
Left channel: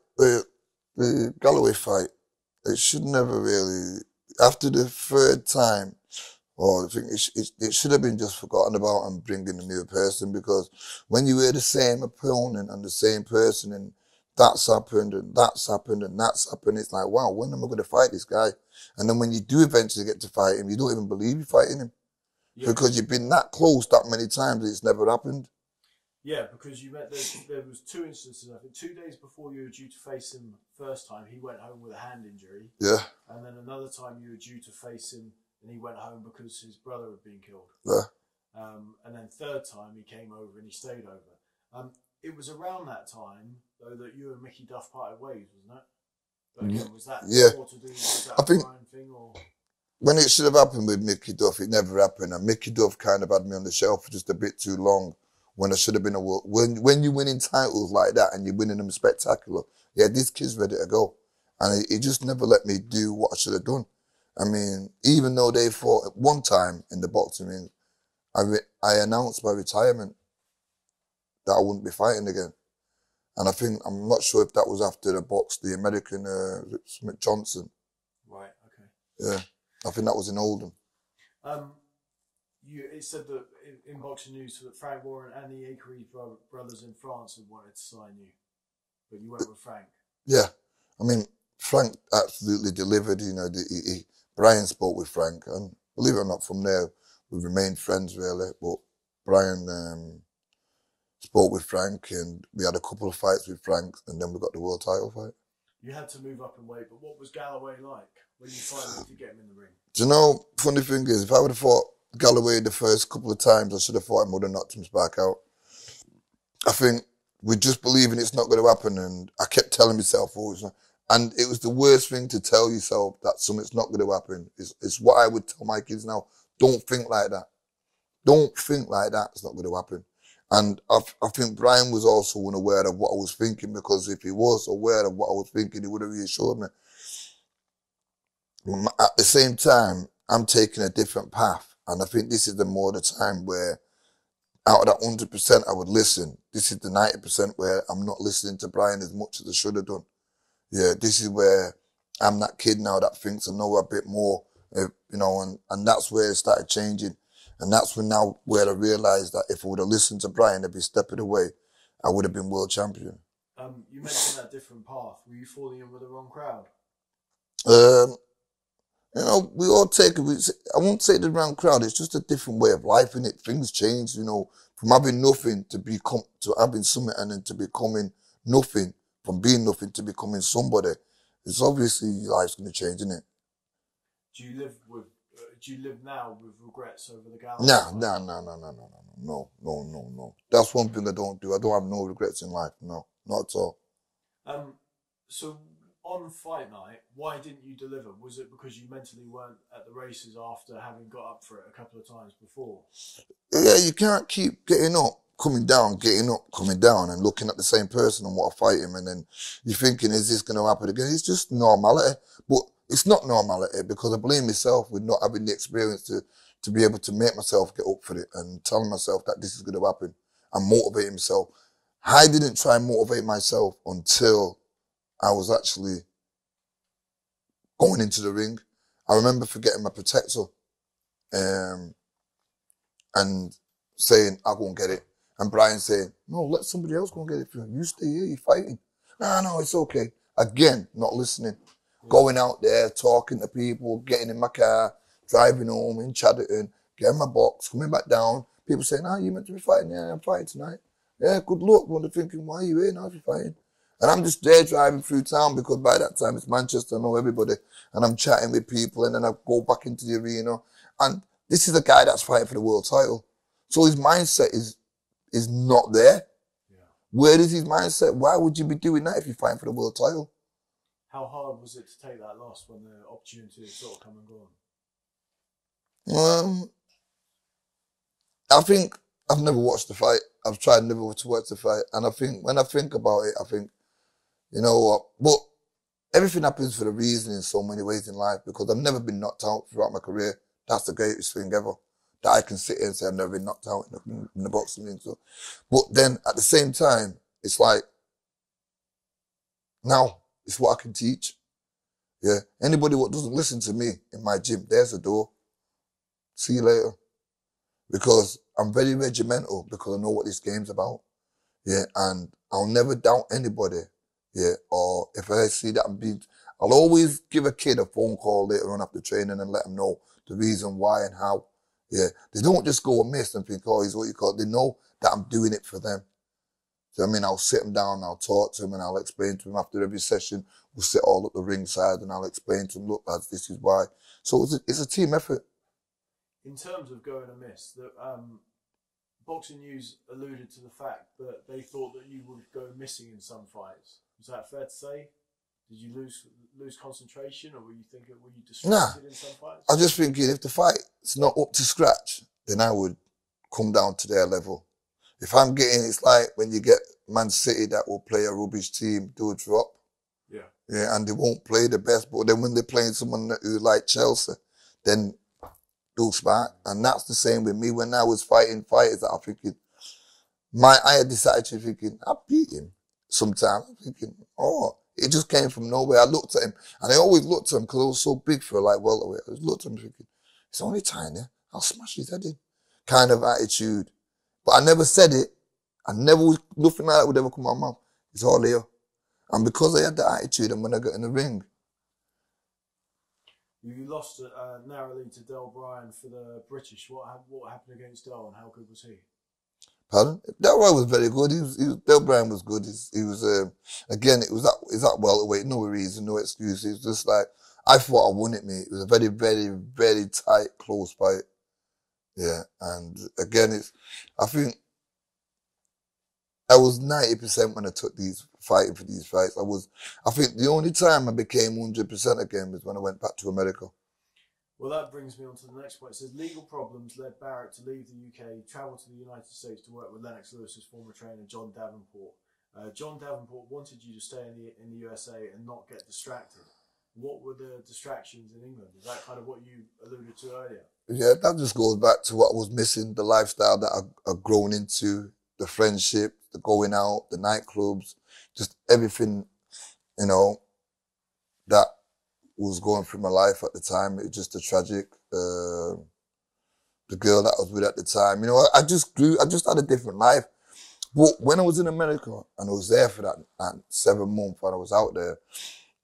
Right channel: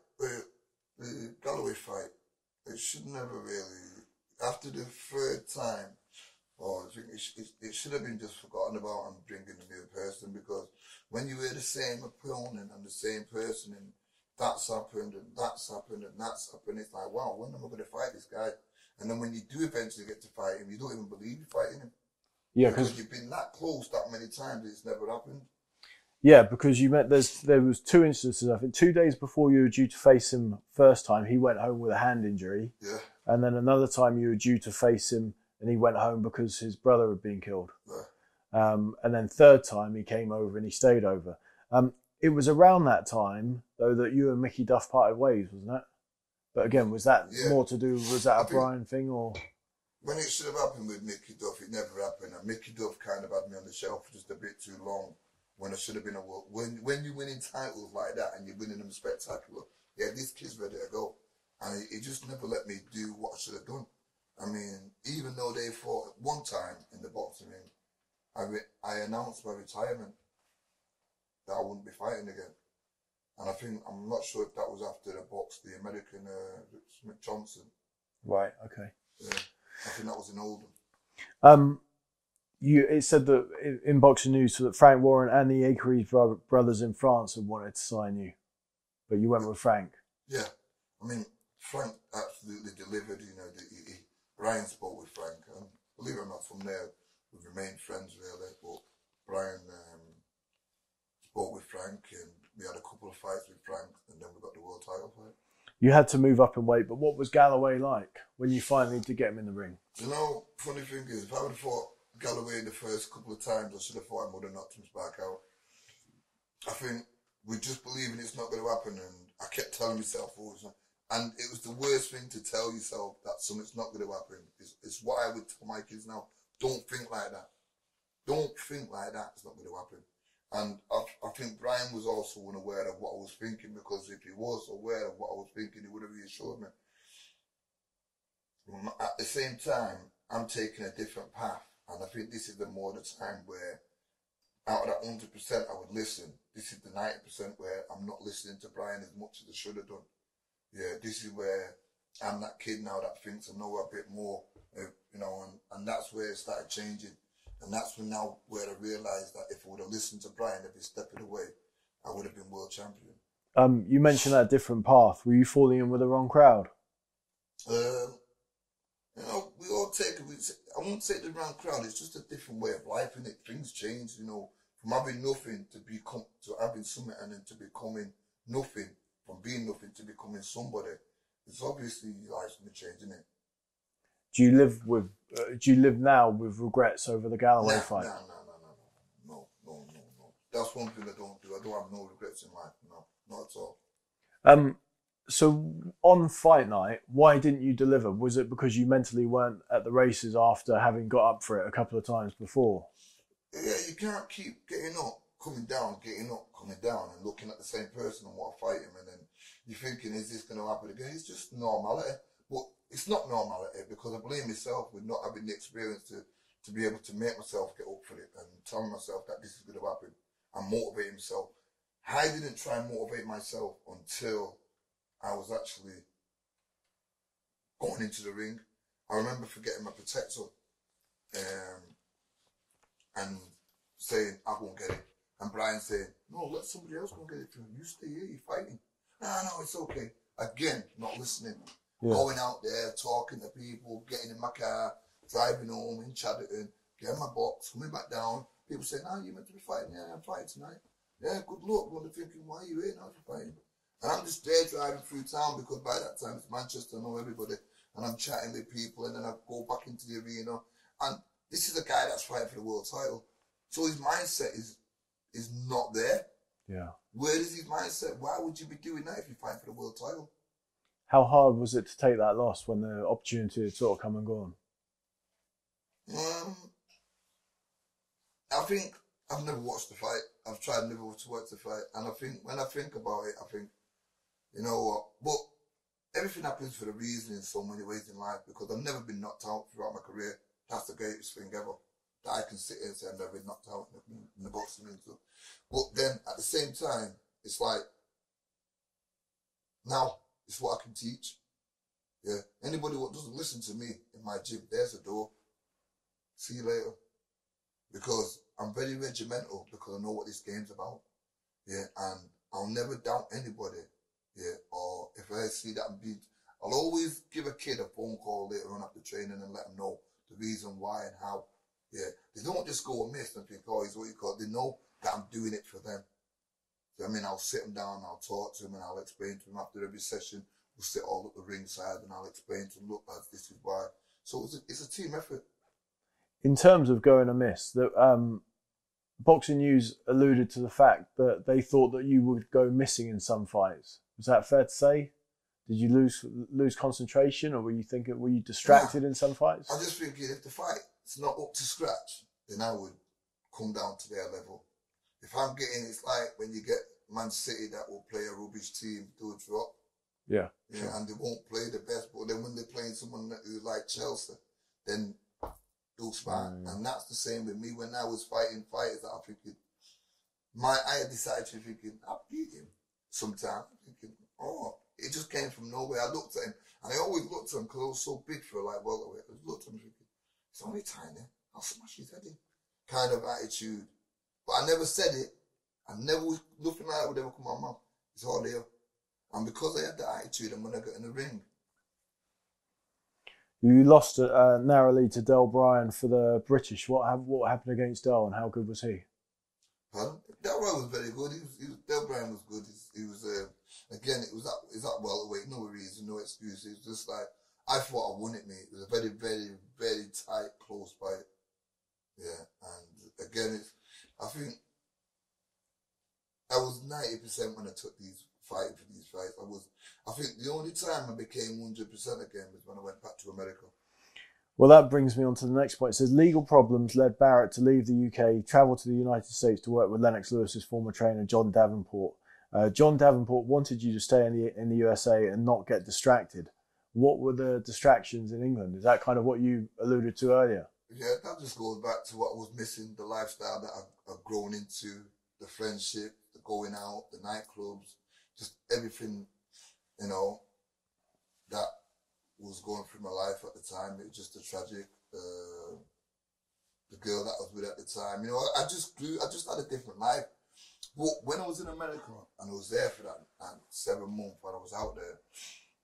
the Galloway fight, it should never really, after the 3rd time, I think it should have been just forgotten about and bringing a new person, because when you hear the same opponent and the same person and that's happened and that's happened and that's happened, it's like, wow, when am I going to fight this guy? And then when you do eventually get to fight him, you don't even believe you're fighting him. Yeah, because you've been that close that many times, it's never happened. Yeah, because there was 2 instances. I think 2 days before you were due to face him first time, he went home with a hand injury. Yeah. And then another time you were due to face him, and he went home because his brother had been killed. Yeah. And then 3rd time he came over and he stayed over. It was around that time though that you and Mickey Duff parted ways, wasn't it? But again, was that more to do? Was that a Brian thing or? When it should have happened with Mickey Duff, it never happened. And Mickey Duff kind of had me on the shelf for just a bit too long when I should have been a world. When you're winning titles like that and you're winning them spectacular, yeah, this kid's ready to go. And he just never let me do what I should have done. I mean, even though they fought at one time in the boxing ring, I announced my retirement that I wouldn't be fighting again. And I'm not sure if that was after the American Smith Johnson. Right, okay. Yeah, I think that was in Oldham. It said that in Boxing News that Frank Warren and the Akeries brothers in France had wanted to sign you, but you went with Frank. Yeah, I mean, Frank absolutely delivered. You know, Brian spoke with Frank, and believe it or not, from there we remained friends really. But Brian spoke with Frank, and we had a couple of fights with Frank, and then we got the world title fight. You had to move up in weight, but what was Galloway like when you finally did get him in the ring? Do you know, funny thing is, if I would have fought Galloway the first couple of times, I should have fought him, would have knocked him back out. I think we just believing it's not going to happen, and I kept telling myself always, and it was the worst thing to tell yourself that something's not going to happen. It's what I would tell my kids now. Don't think like that. Don't think like that. It's not going to happen. And I think Brian was also unaware of what I was thinking, because if he was aware of what I was thinking, he would have reassured me. At the same time, I'm taking a different path. And I think this is the time where out of that 100% I would listen. This is the 90% where I'm not listening to Brian as much as I should have done. Yeah, this is where I'm that kid now that thinks I know a bit more, you know, and that's where it started changing. And that's where I realised that if I would have listened to Brian every step of the way, I would have been world champion. You mentioned that different path. Were you falling in with the wrong crowd? You know, we all take it. I won't say the wrong crowd. It's just a different way of life, innit? Things change, you know, from having nothing to having something, and then to becoming nothing, from being nothing to becoming somebody. It's obviously life's going to change, innit? Do you live now with regrets over the Galloway fight? No. That's one thing I don't do. I don't have no regrets in life. No, not at all. So on fight night, why didn't you deliver? Was it because you mentally weren't at the races after having got up for it a couple of times before? Yeah, you can't keep getting up, coming down, and looking at the same person and want to fight him, and then you're thinking, is this going to happen again? It's just normality. But it's not normality, because I blame myself with not having the experience to be able to make myself get up for it and telling myself that this is going to happen and motivate myself. I didn't try and motivate myself until I was actually going into the ring. I remember forgetting my protector and saying, I'll go and get it. And Brian saying, no, let somebody else go and get it for you. You stay here, you're fighting. No, it's okay. Again, not listening. Yeah. Going out there, talking to people, getting in my car, driving home in Chadderton, getting my box, coming back down. People saying, you meant to be fighting? Yeah, I'm fighting tonight. Yeah, good luck. When they're thinking, why are you here now if you're fighting? And I'm just there driving through town, because by that time it's Manchester, I know everybody. And I'm chatting with people, and then I go back into the arena. And this is a guy that's fighting for the world title. So his mindset is not there. Yeah. Where is his mindset? Why would you be doing that if you're fighting for the world title? How hard was it to take that loss when the opportunity had sort of come and gone? I think I've never watched the fight. I've tried never to watch the fight. And I think when I think about it, I think, you know what? But everything happens for a reason in so many ways in life, because I've never been knocked out throughout my career. That's the greatest thing ever. That I can sit here and say I've never been knocked out in the boxing ring. So, but then at the same time, it's like, now it's what I can teach. Yeah. Anybody what doesn't listen to me in my gym, there's the door. See you later. Because I'm very regimental, because I know what this game's about. Yeah. And I'll never doubt anybody. Yeah. Or if I see that I'll always give a kid a phone call later on after training and let them know the reason why and how. Yeah. They don't just go amiss and think, he's what you call it. They know that I'm doing it for them. So, I mean, I'll sit them down, I'll talk to them, and I'll explain to them after every session. We'll sit all at the ringside, and I'll explain to them, look, lads, this is why. So it's a team effort. In terms of going amiss, Boxing News alluded to the fact that they thought that you would go missing in some fights. Is that fair to say? Did you lose concentration, or were you distracted in some fights? I'm just thinking, if the fight's not up to scratch, then I would come down to their level. If I'm getting, it's like when you get Man City that will play a rubbish team, they'll drop. Yeah. Yeah, and they won't play the best, but then when they're playing someone who like Chelsea, then they'll spark. And that's the same with me. When I was fighting fighters, I'm thinking, I had this attitude thinking, I beat him. Sometimes I'm thinking, oh, it just came from nowhere. I looked at him, and I always looked at him because I was so big for like welterweight. I just looked at him thinking, it's only tiny. I'll smash his head in. Kind of attitude. But I never said it. Nothing like that would ever come out of my mouth. It's all here. And because I had that attitude, and when I got in the ring. You lost narrowly to Del Bryan for the British. What happened against Del, and how good was he? Pardon? Del Bryan was very good. Del Bryan was good. He was again, it was that welterweight, no reason, no excuse. It was just like, I thought I won it, mate. It was a very, very, very tight, close fight. Yeah, and again, I think I was 90% when I took fighting for these fights. I think the only time I became 100% again was when I went back to America. Well, that brings me on to the next point. It says legal problems led Barrett to leave the UK, travel to the United States to work with Lennox Lewis's former trainer, John Davenport. John Davenport wanted you to stay in the USA and not get distracted. What were the distractions in England? Is that kind of what you alluded to earlier? Yeah, that just goes back to what I was missing, the lifestyle that I've grown into, the friendship, the going out, the nightclubs, just everything, that was going through my life at the time. It was just a tragic. The girl that I was with at the time, I just had a different life. But when I was in America and I was there for that 7 months and I was out there,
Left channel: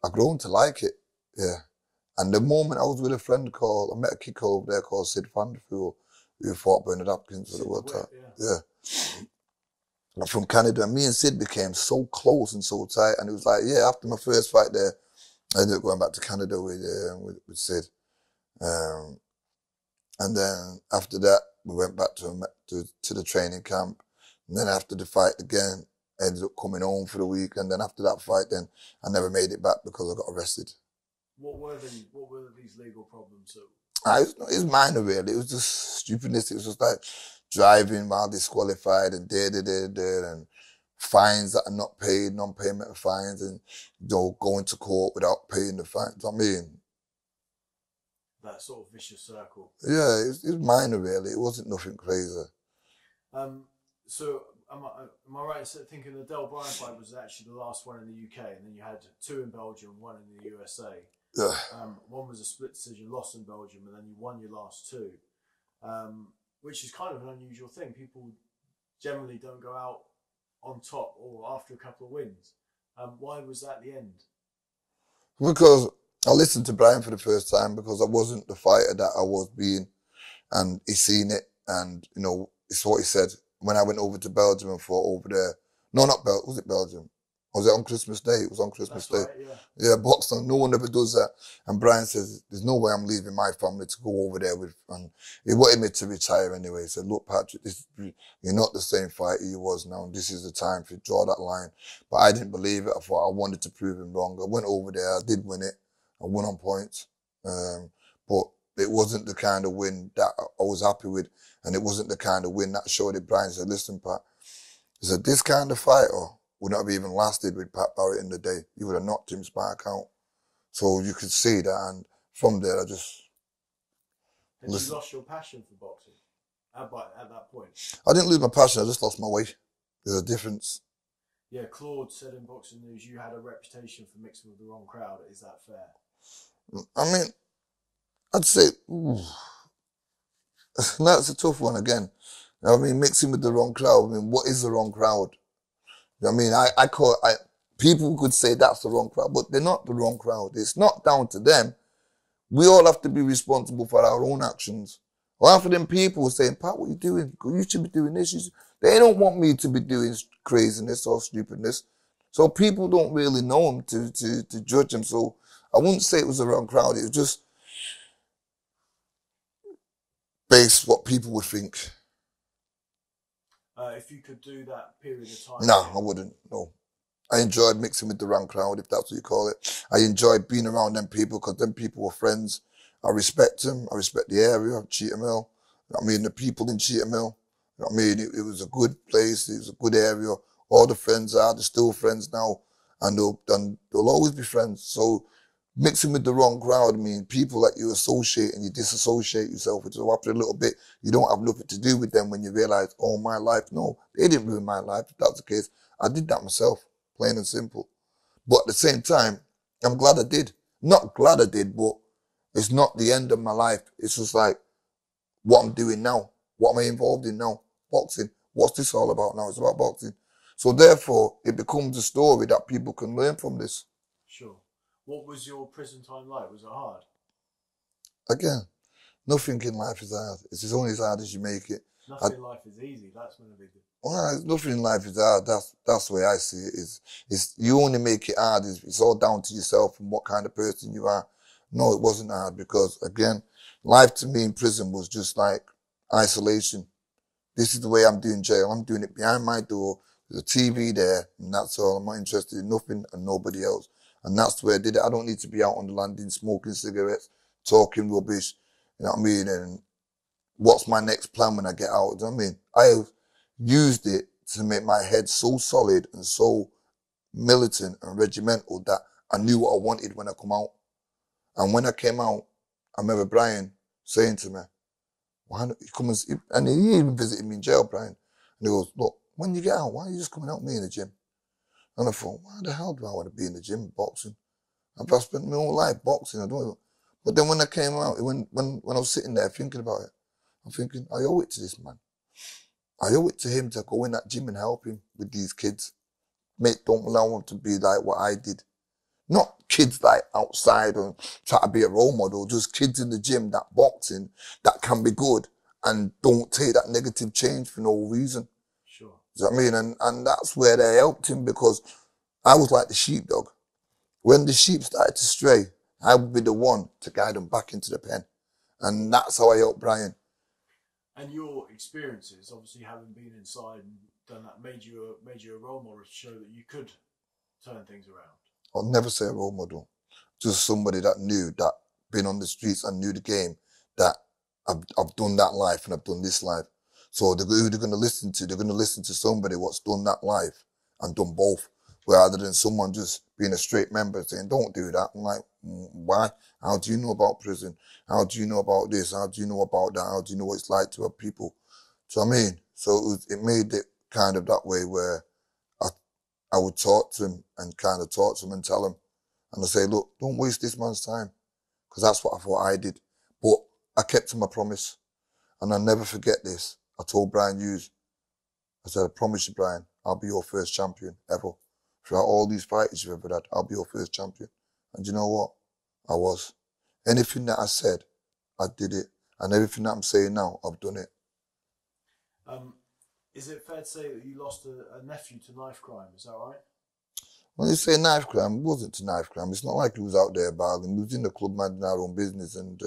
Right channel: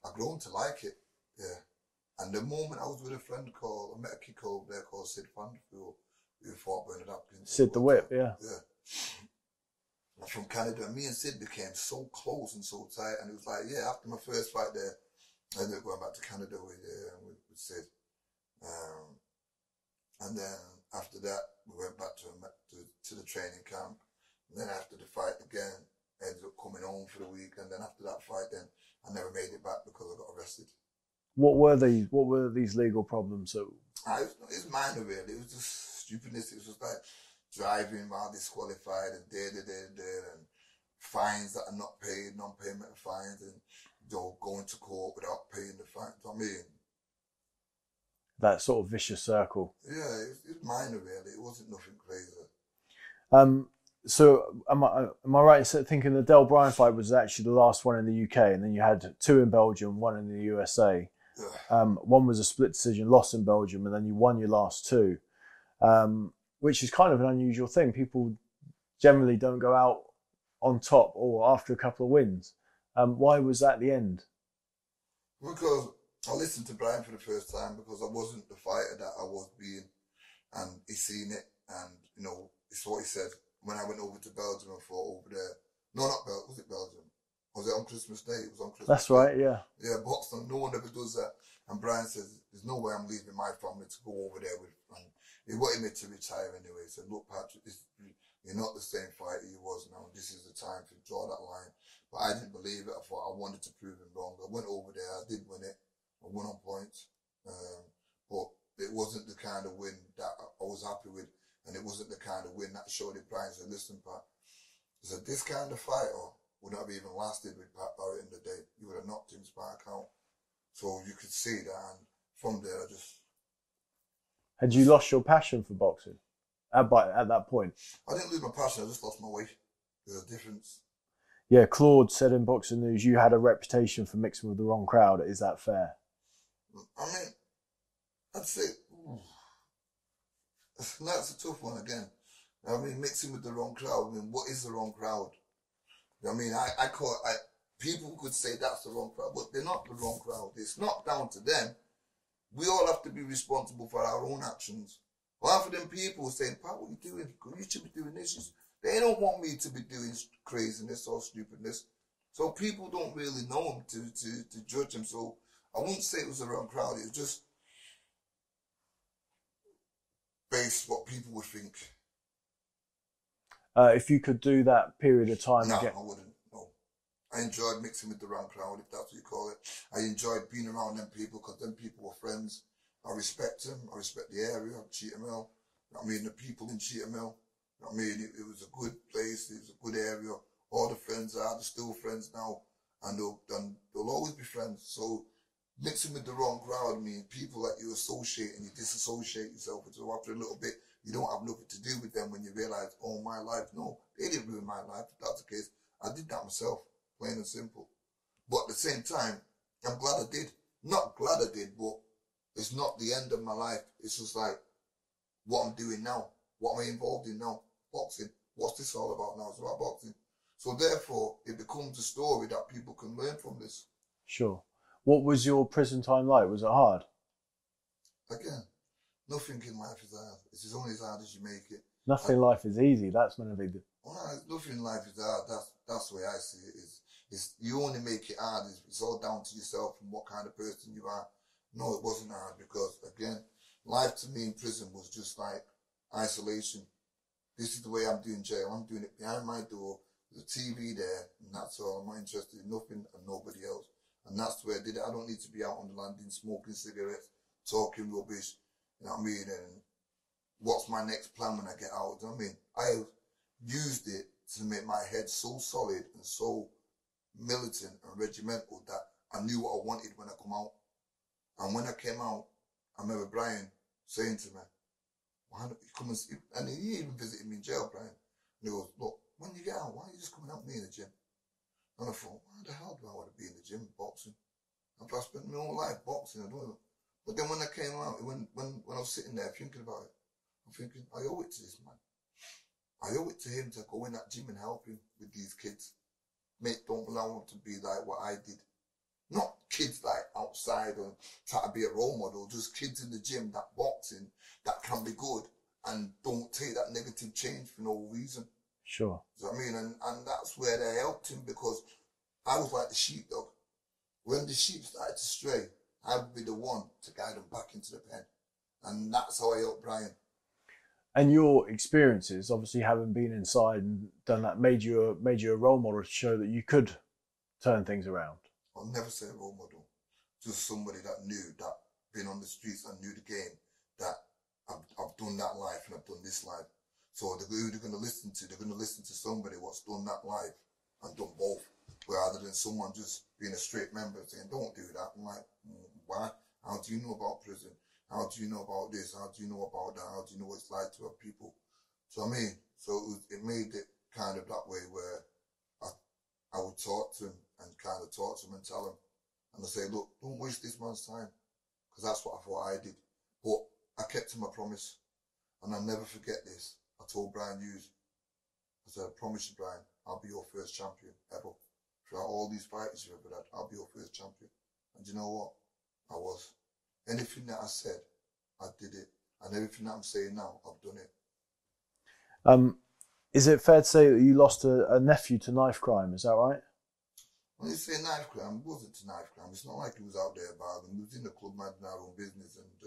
I grown to like it. Yeah. And the moment I was with a friend I met a kid over there called Sid Vanderpool, who fought Bernard Hopkins. Sid the Whip, yeah. Yeah. From Canada, and me and Sid became so close and so tight. And it was like, yeah, after my first fight there, I ended up going back to Canada with Sid. And then after that, we went back to the training camp. And then after the fight again, I ended up coming home for the week. And then after that fight, then I never made it back because I got arrested. What were these legal problems? It's minor, really. It was just stupidness. It was just like driving while disqualified and and fines that are not paid, non-payment of fines, and going to court without paying the fines. I mean, that sort of vicious circle. Yeah, it's minor, really. It wasn't nothing crazy. So am I right in thinking the Del Bryan fight was actually the last one in the UK, and then you had 2 in Belgium, 1 in the USA. Yeah. One was a split decision, loss in Belgium, and then you won your last 2, which is kind of an unusual thing. People generally don't go out on top or after a couple of wins. Why was that the end? Because I listened to Brian for the first time because I wasn't the fighter that I was being, and he seen it, and it's what he said. When I went over to Belgium and fought over there, no, not Belgium, was it Belgium? Was it on Christmas Day? It was on Christmas Day. That's right, yeah. Yeah, boxing, no one ever does that. And Brian says, there's no way I'm leaving my family to go over there with, and he wanted me to retire anyway. He said, look, Patrick, you're not the same fighter you was now. This is the time to draw that line. But I didn't believe it. I thought I wanted to prove him wrong. I went over there, I did win it. I won on points. But it wasn't the kind of win that I was happy with. And it wasn't the kind of win that showed it. Brian said, listen, Pat, he said, this kind of fighter would not have even lasted with Pat Barrett in the day. He would have knocked him back out. So you could see that. And from there, I just... Had you lost your passion for boxing at that point? I didn't lose my passion. I just lost my way. There's a difference. Yeah, Claude said in Boxing News, you had a reputation for mixing with the wrong crowd. Is that fair? I mean, I'd say... That's a tough one again. I mean, mixing with the wrong crowd. I mean, what is the wrong crowd? I mean, people could say that's the wrong crowd, but they're not the wrong crowd. It's not down to them. We all have to be responsible for our own actions. Or for them people saying, Pat, what are you doing? You should be doing this. They don't want me to be doing craziness or stupidness. So people don't really know them to judge them. So I wouldn't say it was the wrong crowd. It was just based what people would think. If you could do that period of time No, again. I wouldn't. No. I enjoyed mixing with the wrong crowd, if that's what you call it. I enjoyed being around them people because them people were friends. I respect them. I respect the area of Cheetham Hill. I mean, the people in Cheetham Hill. You know what I mean? It was a good place. It was a good area. All the friends are, they're still friends now, and they'll always be friends. So mixing with the wrong crowd, I mean, people that you associate and you disassociate yourself with. So after a little bit, you don't have nothing to do with them when you realize, oh, my life. No, they didn't ruin my life. If that's the case, I did that myself, plain and simple. But at the same time, I'm glad I did. Not glad I did, but it's not the end of my life. It's just like what I'm doing now. What am I involved in now? Boxing. What's this all about now? It's about boxing. So therefore, it becomes a story that people can learn from this. Sure. What was your prison time like? Was it hard? Again, nothing in life is hard. It's only as hard as you make it. Nothing in life is easy. That's meant to be. Well, nothing in life is hard. That's the way I see it. It's you only make it hard. It's all down to yourself and what kind of person you are. No, it wasn't hard because, again, life to me in prison was just like isolation. This is the way I'm doing jail. I'm doing it behind my door. There's a TV there, and that's all. I'm not interested in nothing and nobody else. And that's the way I did it. I don't need to be out on the landing smoking cigarettes, talking rubbish, you know what I mean? And what's my next plan when I get out? You know what I mean? I used it to make my head so solid and so militant and regimental that I knew what I wanted when I come out. And when I came out, I remember Brian saying to me, why don't you come and he even visited me in jail, Brian. And he goes, look, when you get out, why are you just coming out with me in the gym? And I thought, why the hell do I want to be in the gym boxing? I've spent my whole life boxing. I don't know. But then when I came out, when I was sitting there thinking about it, I'm thinking, I owe it to this man. I owe it to him to go in that gym and help him with these kids. Don't allow them to be like what I did. Not kids like outside and try to be a role model, just kids in the gym that boxing, that can be good and don't take that negative change for no reason. Sure. Do you know what I mean? And that's where they helped him because I was like the sheepdog. When the sheep started to stray, I would be the one to guide them back into the pen. And that's how I helped Brian. And your experiences, obviously having been inside and done that, made you a role model to show that you could turn things around. I'll never say a role model. Just somebody that knew, that been on the streets and knew the game, that I've done that life and I've done this life. So who they're going to listen to? They're going to listen to somebody what's done that life and done both, rather than someone just being a straight member saying, don't do that. I'm like, why? How do you know about prison? How do you know about this? How do you know about that? How do you know what it's like to have people? So I mean, so it made it kind of that way where I would talk to him and kind of talk to him and tell him. And I say, look, don't waste this man's time. Because that's what I thought I did. But I kept to my promise. And I'll never forget this. I told Brian Hughes, I said, I promise you, Brian, I'll be your first champion ever. Throughout all these fights you've ever had, I'll be your first champion. And you know what? I was. Anything that I said, I did it. And everything that I'm saying now, I've done it. Is it fair to say that you lost a nephew to knife crime? Is that right? When you say knife crime, it wasn't to knife crime. It's not like he was out there bargaining. He was in the club minding our own business, and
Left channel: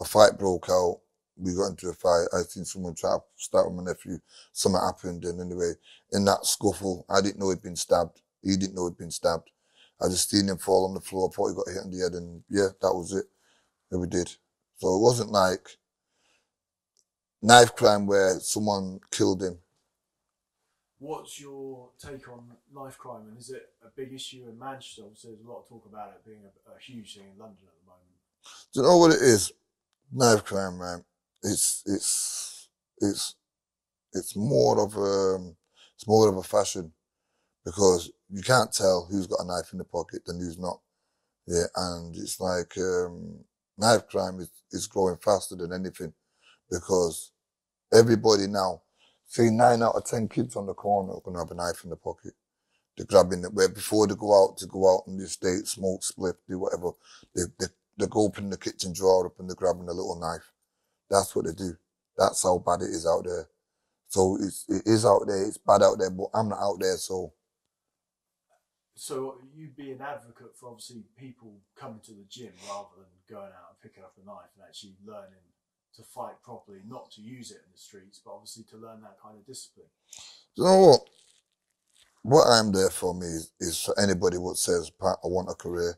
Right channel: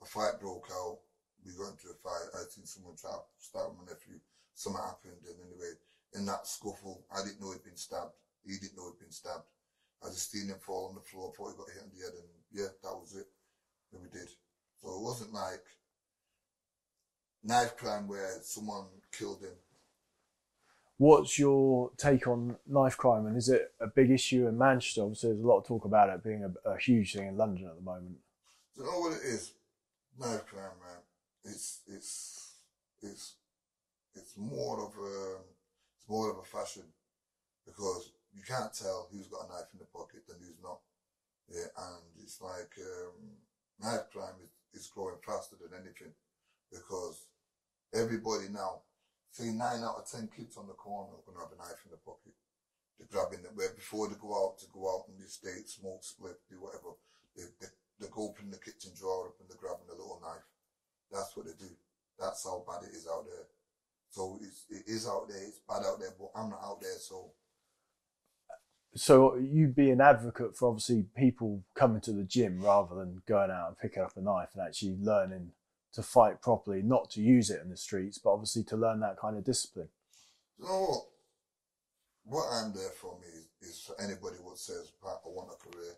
a fight broke out. We got into a fight. I seen someone try to start with my nephew. Something happened, and anyway, in that scuffle, I didn't know he'd been stabbed. He didn't know he'd been stabbed. I just seen him fall on the floor. I thought he got hit on the head, and yeah, that was it. And we did. So it wasn't like knife crime where someone killed him. What's your take on knife crime, and is it a big issue in Manchester? Obviously, there's a lot of talk about it being a huge thing in London at the moment. Do you know what it is? Knife crime, man. It's more of a fashion, because you can't tell who's got a knife in the pocket and who's not. Yeah, and it's like knife crime is growing faster than anything, because everybody now, say 9 out of 10 kids on the corner are going to have a knife in the pocket. They're grabbing it where before they go out in the estate, smoke, split, do whatever. They go open the kitchen drawer up and they're grabbing a little knife. That's what they do. That's how bad it is out there. So it is out there. It's bad out there, but I'm not out there, so. So you'd be an advocate for obviously people coming to the gym rather than going out and picking up a knife and actually learning to fight properly, not to use it in the streets, but obviously to learn that kind of discipline. You know what? What I'm there for me is for anybody who says, Pat, I want a career.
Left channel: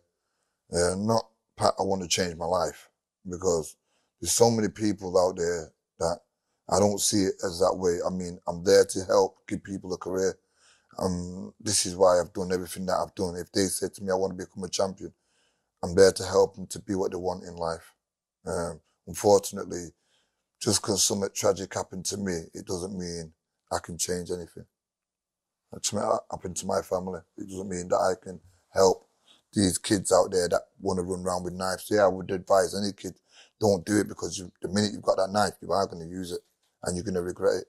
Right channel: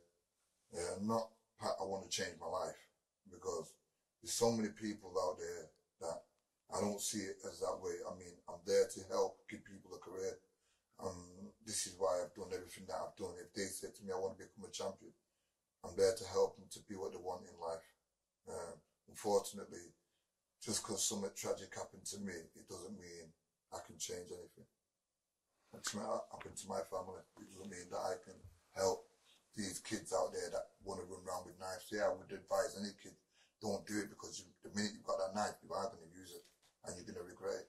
Not, Pat, I want to change my life. Because there's so many people out there that I don't see it as that way. I mean, I'm there to help give people a career. This is why I've done everything that I've done. If they say to me, I want to become a champion, I'm there to help them to be what they want in life. Unfortunately, just because something tragic happened to me, it doesn't mean I can change anything. Something happened to my family. It doesn't mean that I can help these kids out there that want to run around with knives. Yeah, I would advise any kid, don't do it, because the minute you've got that knife, you are going to use it and you're going to regret it.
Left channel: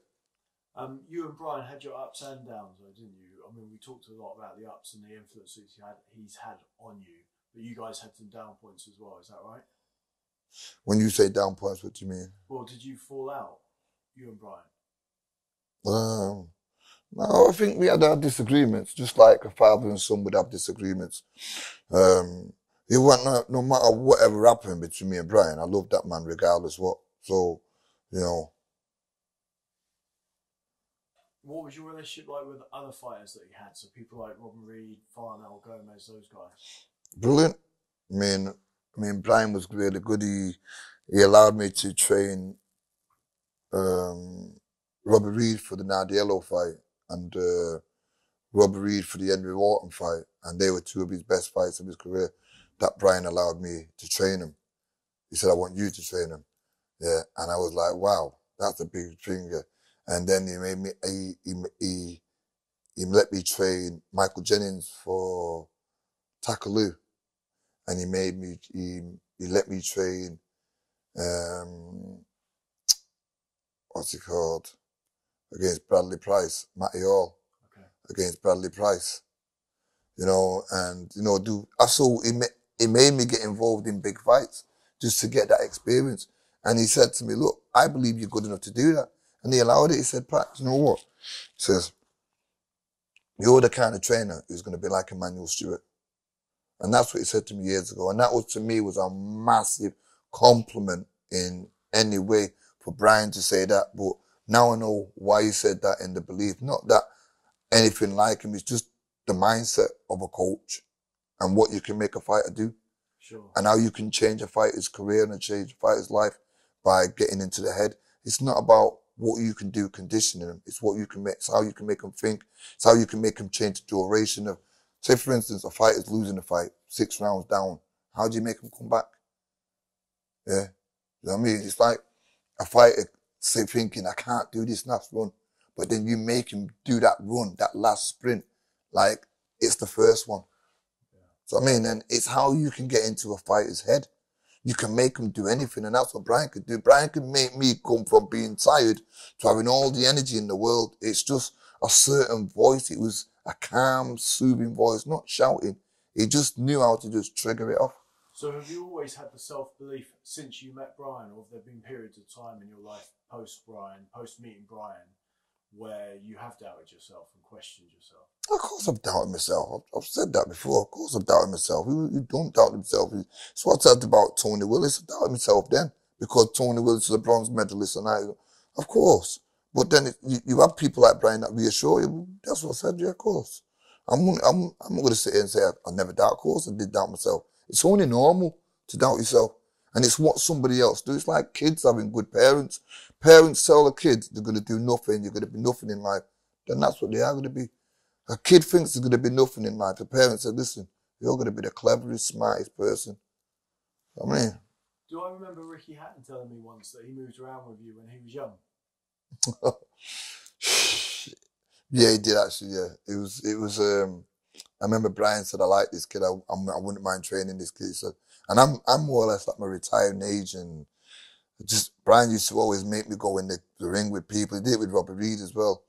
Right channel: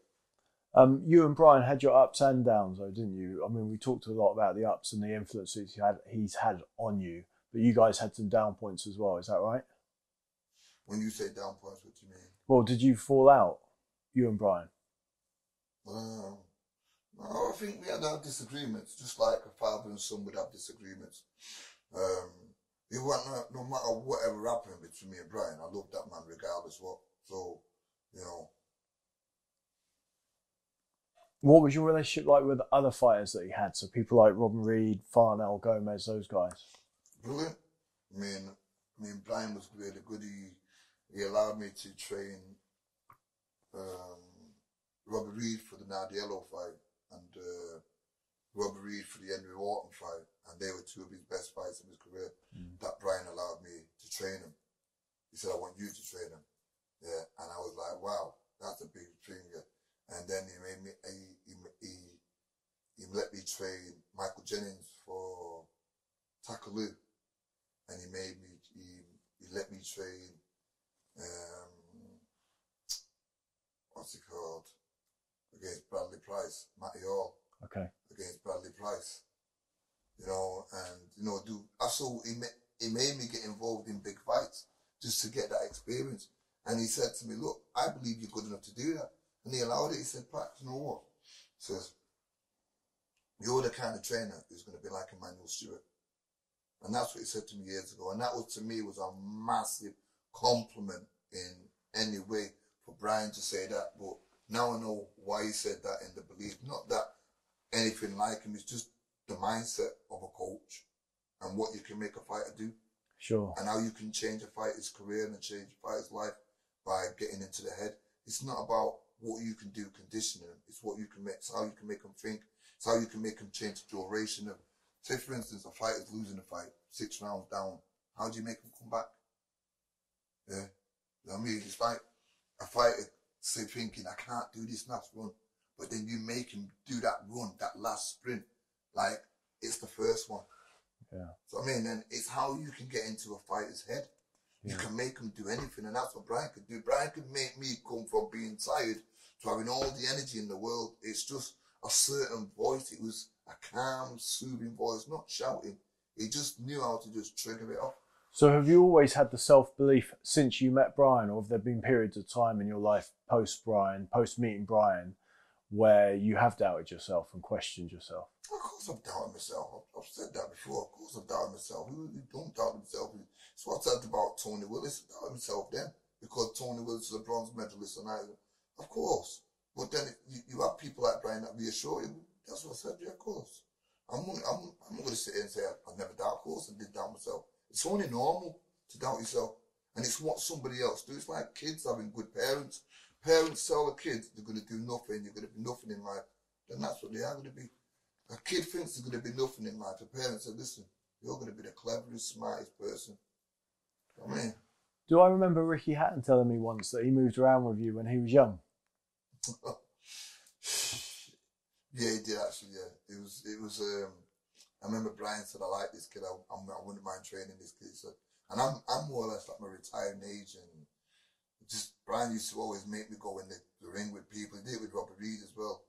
You and Brian had your ups and downs, though, didn't you? I mean, we talked a lot about the ups and the influences he's had on you, but you guys had some down points as well. Is that right? When you say down points, what do you mean? Well, did you fall out, you and Brian? No, I think we had our disagreements, just like a father and son would have disagreements. It wasn't, no matter whatever happened between me and Brian, I loved that man regardless what. So, you know. What was your relationship like with other fighters that he had? So people like Robin Reed, Farnell, Gomez, those guys. Brilliant. I mean, Brian was really good. He allowed me to train Robert Reed for the Nardiello fight and Robert Reed for the Henry Wharton fight, and they were two of his best fights of his career. That Brian allowed me to train him. He said, "I want you to train him." Yeah, and I was like, "Wow, that's a big thing." Yeah. And then he made me. He let me train Michael Jennings for Takaloo, and he made me. He let me train. What's it called? Against Bradley Price, Matty Hall. Okay. Against Bradley Price. You know, and you know, he made me get involved in big fights just to get that experience. And he said to me, "Look, I believe you're good enough to do that." And he allowed it. He said, "Pat, you know what?" He says, "You're the kind of trainer who's going to be like Emmanuel Stewart." And that's what he said to me years ago. And that was, to me, was a massive compliment in any way for Brian to say that. But now I know why he said that, in the belief, not that anything like him, it's just the mindset of a coach and what you can make a fighter do. Sure. And how you can change a fighter's career and change a fighter's life by getting into the head. It's not about what you can do conditioning them. It's what you can make. It's how you can make them think. It's how you can make them change the duration of. Say, for instance, a fighter's losing a fight, 6 rounds down. How do you make them come back? Yeah, you know what I mean? It's like a fighter, say, thinking, "I can't do this last run," but then you make him do that run, that last sprint, like it's the first one. Yeah. So I mean, and it's how you can get into a fighter's head. You can make him do anything, and that's what Brian could do. Brian could make me come from being tired to having all the energy in the world. It's just a certain voice. It was a calm, soothing voice, not shouting. He just knew how to just trigger it off. So have you always had the self-belief since you met Brian, or have there been periods of time in your life post-meeting Brian, where you have doubted yourself and questioned yourself? Of course I've doubted myself. I've said that before. Of course I've doubted myself. Who don't doubt himself? It's what I said about Tony Willis. I doubted myself then because Tony Willis is a bronze medalist, and of course. But then you have people like Brian that reassure you. That's what I said. Yeah, of course. I'm not going to sit here and say I never doubt. Of course I did doubt myself. It's only normal to doubt yourself. And it's what somebody else do. It's like kids having good parents. Parents tell the kids they're going to do nothing, you're going to be nothing in life. Then that's what they are going to be. A kid thinks they're going to be nothing in life. The parents say, "Listen, you're going to be the cleverest, smartest person." I mean. Do I remember Ricky Hatton telling me once that he moved around with you when he was young? Yeah, he did actually, yeah. It was I remember Brian said, "I like this kid, I wouldn't mind training this kid." He said, and I'm more or less like my retiring age, and just Brian used to always make me go in the ring with people. He did it with Robert Reed as well.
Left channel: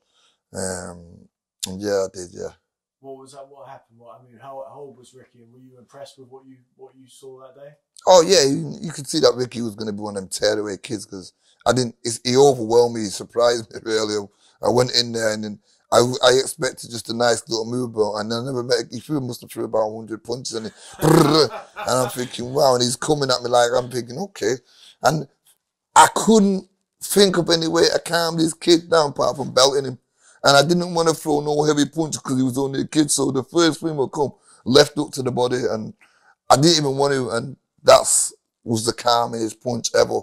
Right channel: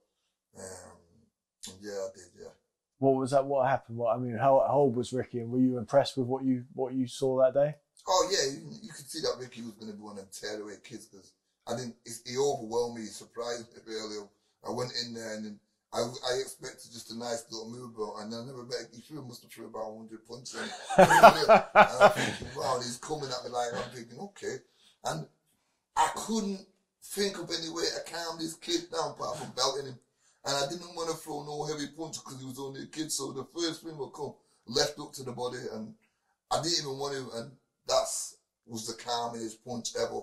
And yeah, I did, yeah. What was that? What happened? How old was Ricky, and were you impressed with what you saw that day? Oh yeah, you could see that Ricky was going to be one of them tearaway kids because he overwhelmed me. He surprised me earlier. I went in there and then I expected just a nice little move, bro, and I never met. He must have threw about 100 punches, and I'm thinking, wow, and he's coming at me like I'm thinking, okay, and I couldn't think of any way to calm this kid down apart from belting him. And I didn't want to throw no heavy punches because he was only a kid. So the first thing would come left hook to the body, and I didn't even want to. And that was the calmest punch ever.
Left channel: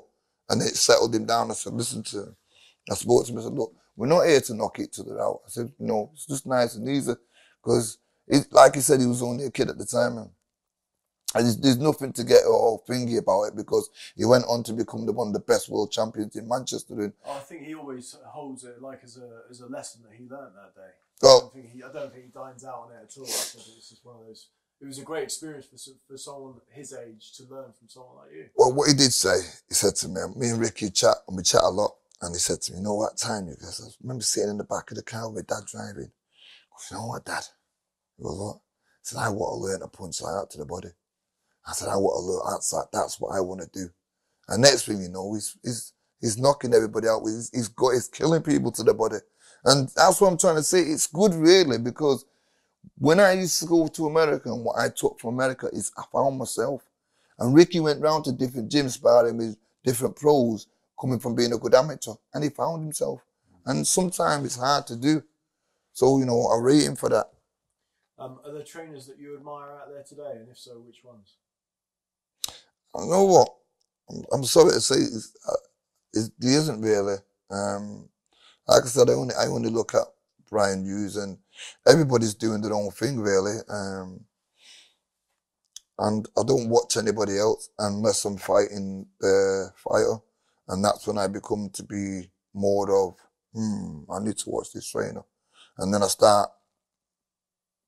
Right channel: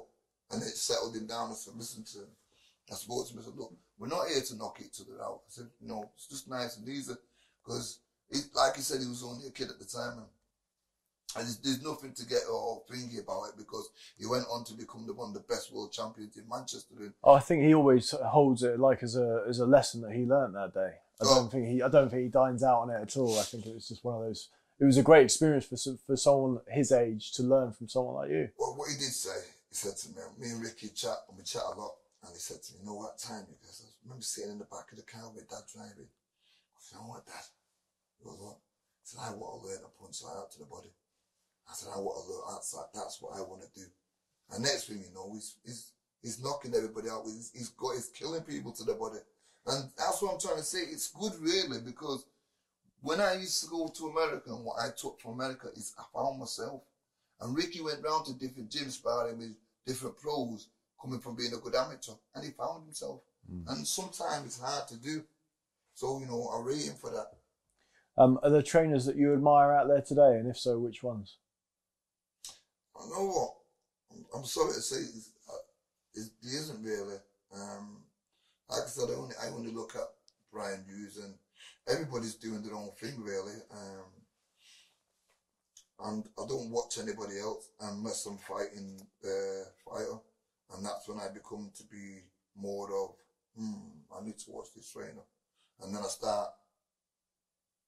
And it settled him down. I said, "Listen to him. I spoke to him, I said, look, we're not here to knock each other out. I said, no, it's just nice and easy. Because, like he said, he was only a kid at the time. And there's nothing to get all thingy about it, because he went on to become one of the best world champions in Manchester. And I think he always holds it like as a lesson that he learnt that day. I don't think he dines out on it at all. I think it was just one of those. It was a great experience for someone his age to learn from someone like you. Well, what he did say, he said to me, me and Ricky chat, and we chat a lot, and he said to me, you know what time, you guys? I remember sitting in the back of the car with Dad driving. I said, you know what, Dad? He goes, what? He said, I want to learn a punch like that to the body. I said, I want to learn, that's what I want to do. And next thing you know, he's knocking everybody out. He's killing people to the body. And that's what I'm trying to say. It's good, really, because when I used to go to America, and what I took from America is I found myself. And Ricky went round to different gyms sparring with different pros, coming from being a good amateur, and he found himself. And sometimes it's hard to do. So, you know, I rate him for that. Are there trainers that you admire out there today? And if so, which ones? I know what? I'm sorry to say, there isn't really. Like I said, I only look at Brian Hughes, and everybody's doing their own thing, really. And I don't watch anybody else unless I'm fighting the fighter. And that's when I become to be more of, I need to watch this trainer. And then I start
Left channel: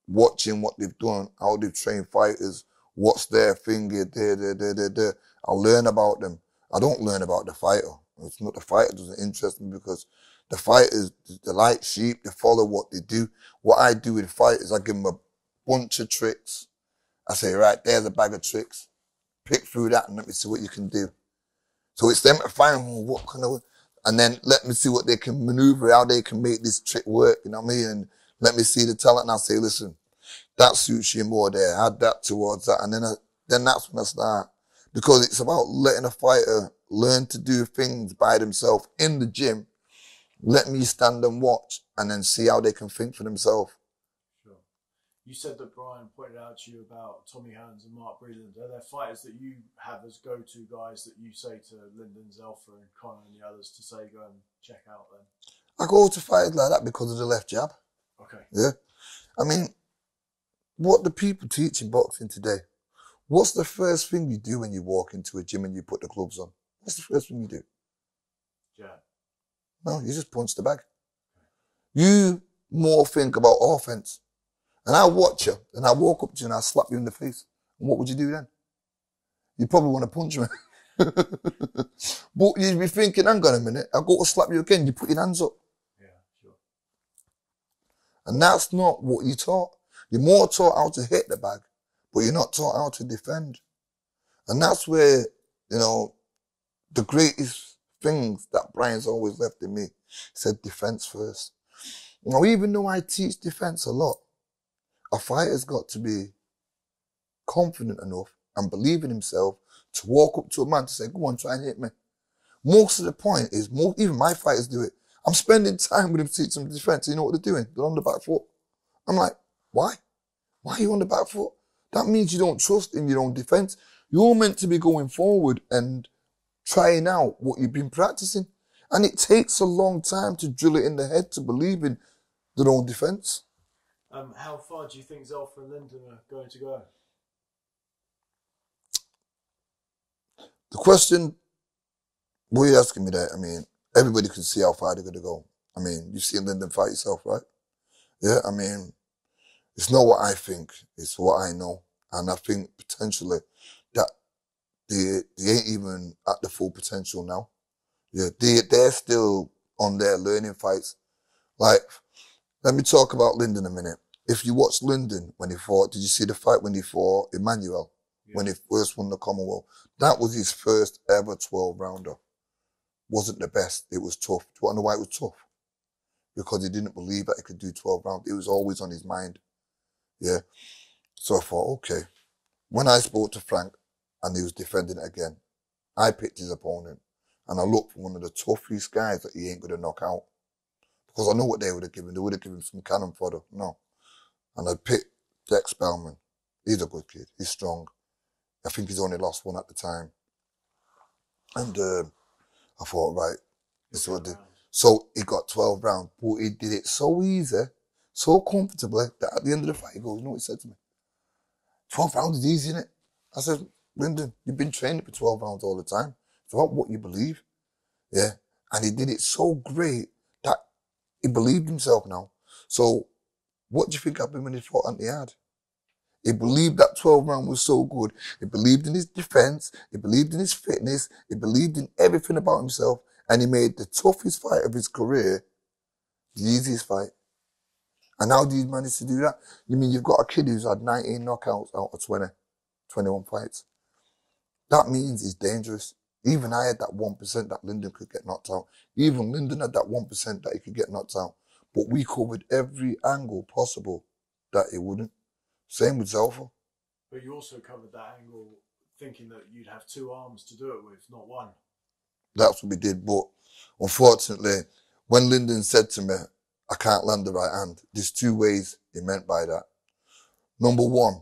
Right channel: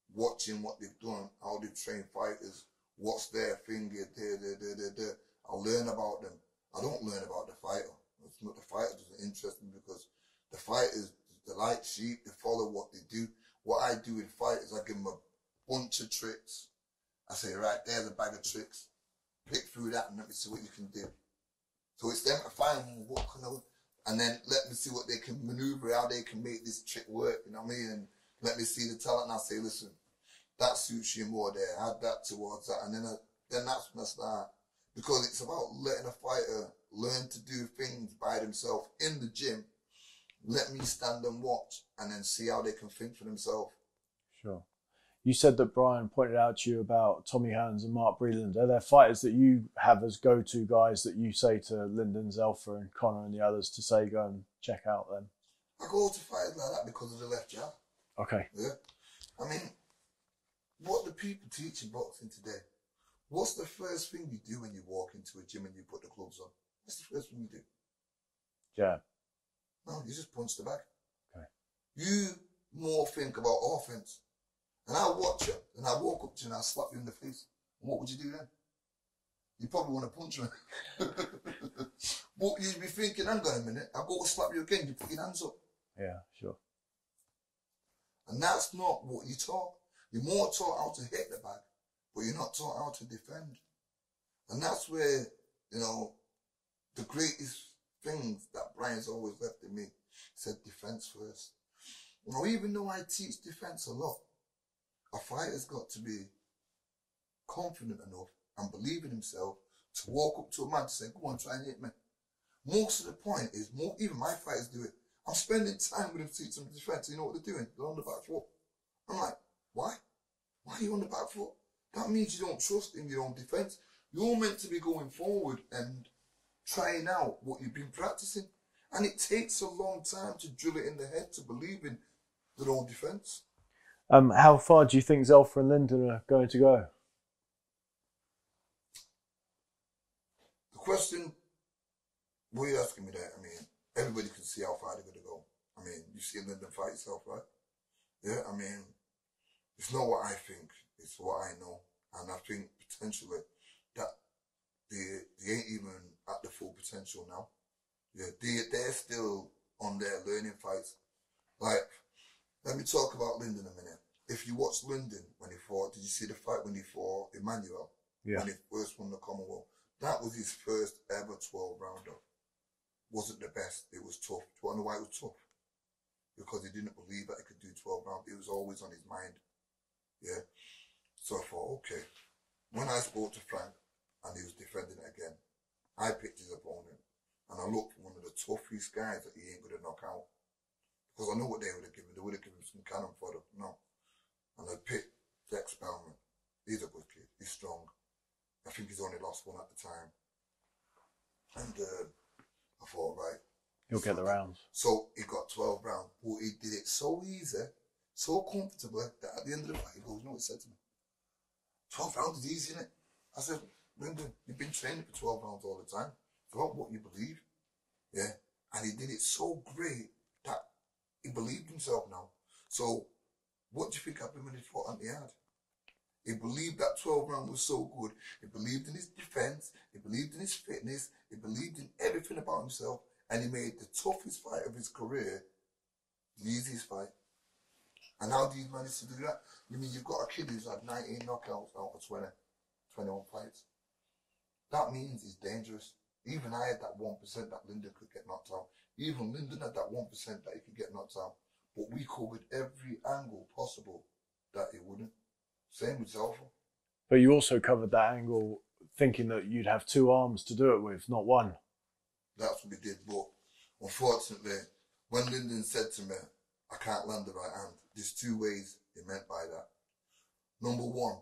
watching what they've done, how they've trained fighters, what's their thing, I learn about them. I don't learn about the fighter. It's not the fighter doesn't interest me, because the fighters, they're like sheep, they follow what they do. What I do with fighters, I give them a bunch of tricks. I say, right, there's a bag of tricks. Pick through that and let me see what you can do. So it's them to find what kind of, and then let me see what they can maneuver, how they can make this trick work, you know what I mean? And let me see the talent, and I'll say, listen, that suits you more there, add that towards that. And then that's when I start. Because it's about letting a fighter learn to do things by themselves in the gym. Let me stand and watch, and then see how they can think for themselves. Sure. You said that Brian pointed out to you about Tommy Hearns and Mark Breland. Are there fighters that you have as go-to guys that you say to Lyndon, Zelfa and Connor and the others to say, go and check out them? I go to fighters like that because of the left jab. Okay. Yeah. I mean, what do people teach in boxing today? What's the first thing you do when you walk into a gym and you put the gloves on? What's the first thing you do? Jab. No, you just punch the bag. Okay. You more think about offense. And I watch you, and I walk up to you and I slap you in the face. And what would you do then? You probably want to punch me. But you'd be thinking, hang on a minute, I'll go to slap you again, you put your hands up. Yeah, sure. And that's not what you're taught. You're more taught how to hit the bag, but you're not taught how to defend. And that's where, you know, the greatest things that Brian's always left in me, he said defense first. Now, even though I teach defense a lot, a fighter's got to be confident enough and believe in himself to walk up to a man to say, go on, try and hit me. Most of the point is, even my fighters do it. I'm spending time with them to teach them defense. You know what they're doing? They're on the back foot. I'm like, why? Why are you on the back foot? That means you don't trust in your own defense. You're meant to be going forward and trying out what you've been practicing. And it takes a long time to drill it in the head to believe in their own defense. How far do you think Zelfa and Lyndon are going to go? The question, what are you asking me that? I mean, everybody can see how far they're going to go. I mean, you've seen Lyndon fight yourself, right? Yeah, I mean, it's not what I think, it's what I know. And I think potentially that they ain't even at the full potential now. Yeah, they're still on their learning fights. Like, let me talk about Lyndon a minute. If you watch Lyndon when he fought, did you see the fight when he fought Emmanuel? Yeah. When he first won the Commonwealth? That was his first ever 12-rounder. Wasn't the best. It was tough. Do you want to know why it was tough? Because he didn't believe that he could do 12 rounds. It was always on his mind. Yeah. So I thought, okay. When I spoke to Frank and he was defending it again, I picked his opponent and I looked for one of the toughest guys that he ain't going to knock out. Because I know what they would have given. They would have given him some cannon fodder. No. And I picked Dex Bellman. He's a good kid. He's strong. I think he's only lost one at the time. And I thought, right, He'll get the rounds. So he got 12 rounds, but he did it so easy, so comfortably, that at the end of the fight, he goes, you know what he said to me? 12 rounds is easy, innit? I said, Lyndon, you've been training for 12 rounds all the time. It's about what you believe. Yeah. And he did it so great that he believed himself now. So what do you think happened when he fought Anti-Hard? He believed that 12 round was so good. He believed in his defense. He believed in his fitness. He believed in everything about himself. And he made the toughest fight of his career the easiest fight. And how did he manage to do that? You mean you've got a kid who's had 19 knockouts out of 21 fights. That means he's dangerous. Even I had that 1% that Lyndon could get knocked out. Even Lyndon had that 1% that he could get knocked out. But we covered every angle possible that he wouldn't. Same with Zelfa. But you also covered that angle thinking that you'd have two arms to do it with, not one. That's what we did. But unfortunately, when Lyndon said to me, I can't land the right hand, there's two ways he meant by that. Number one,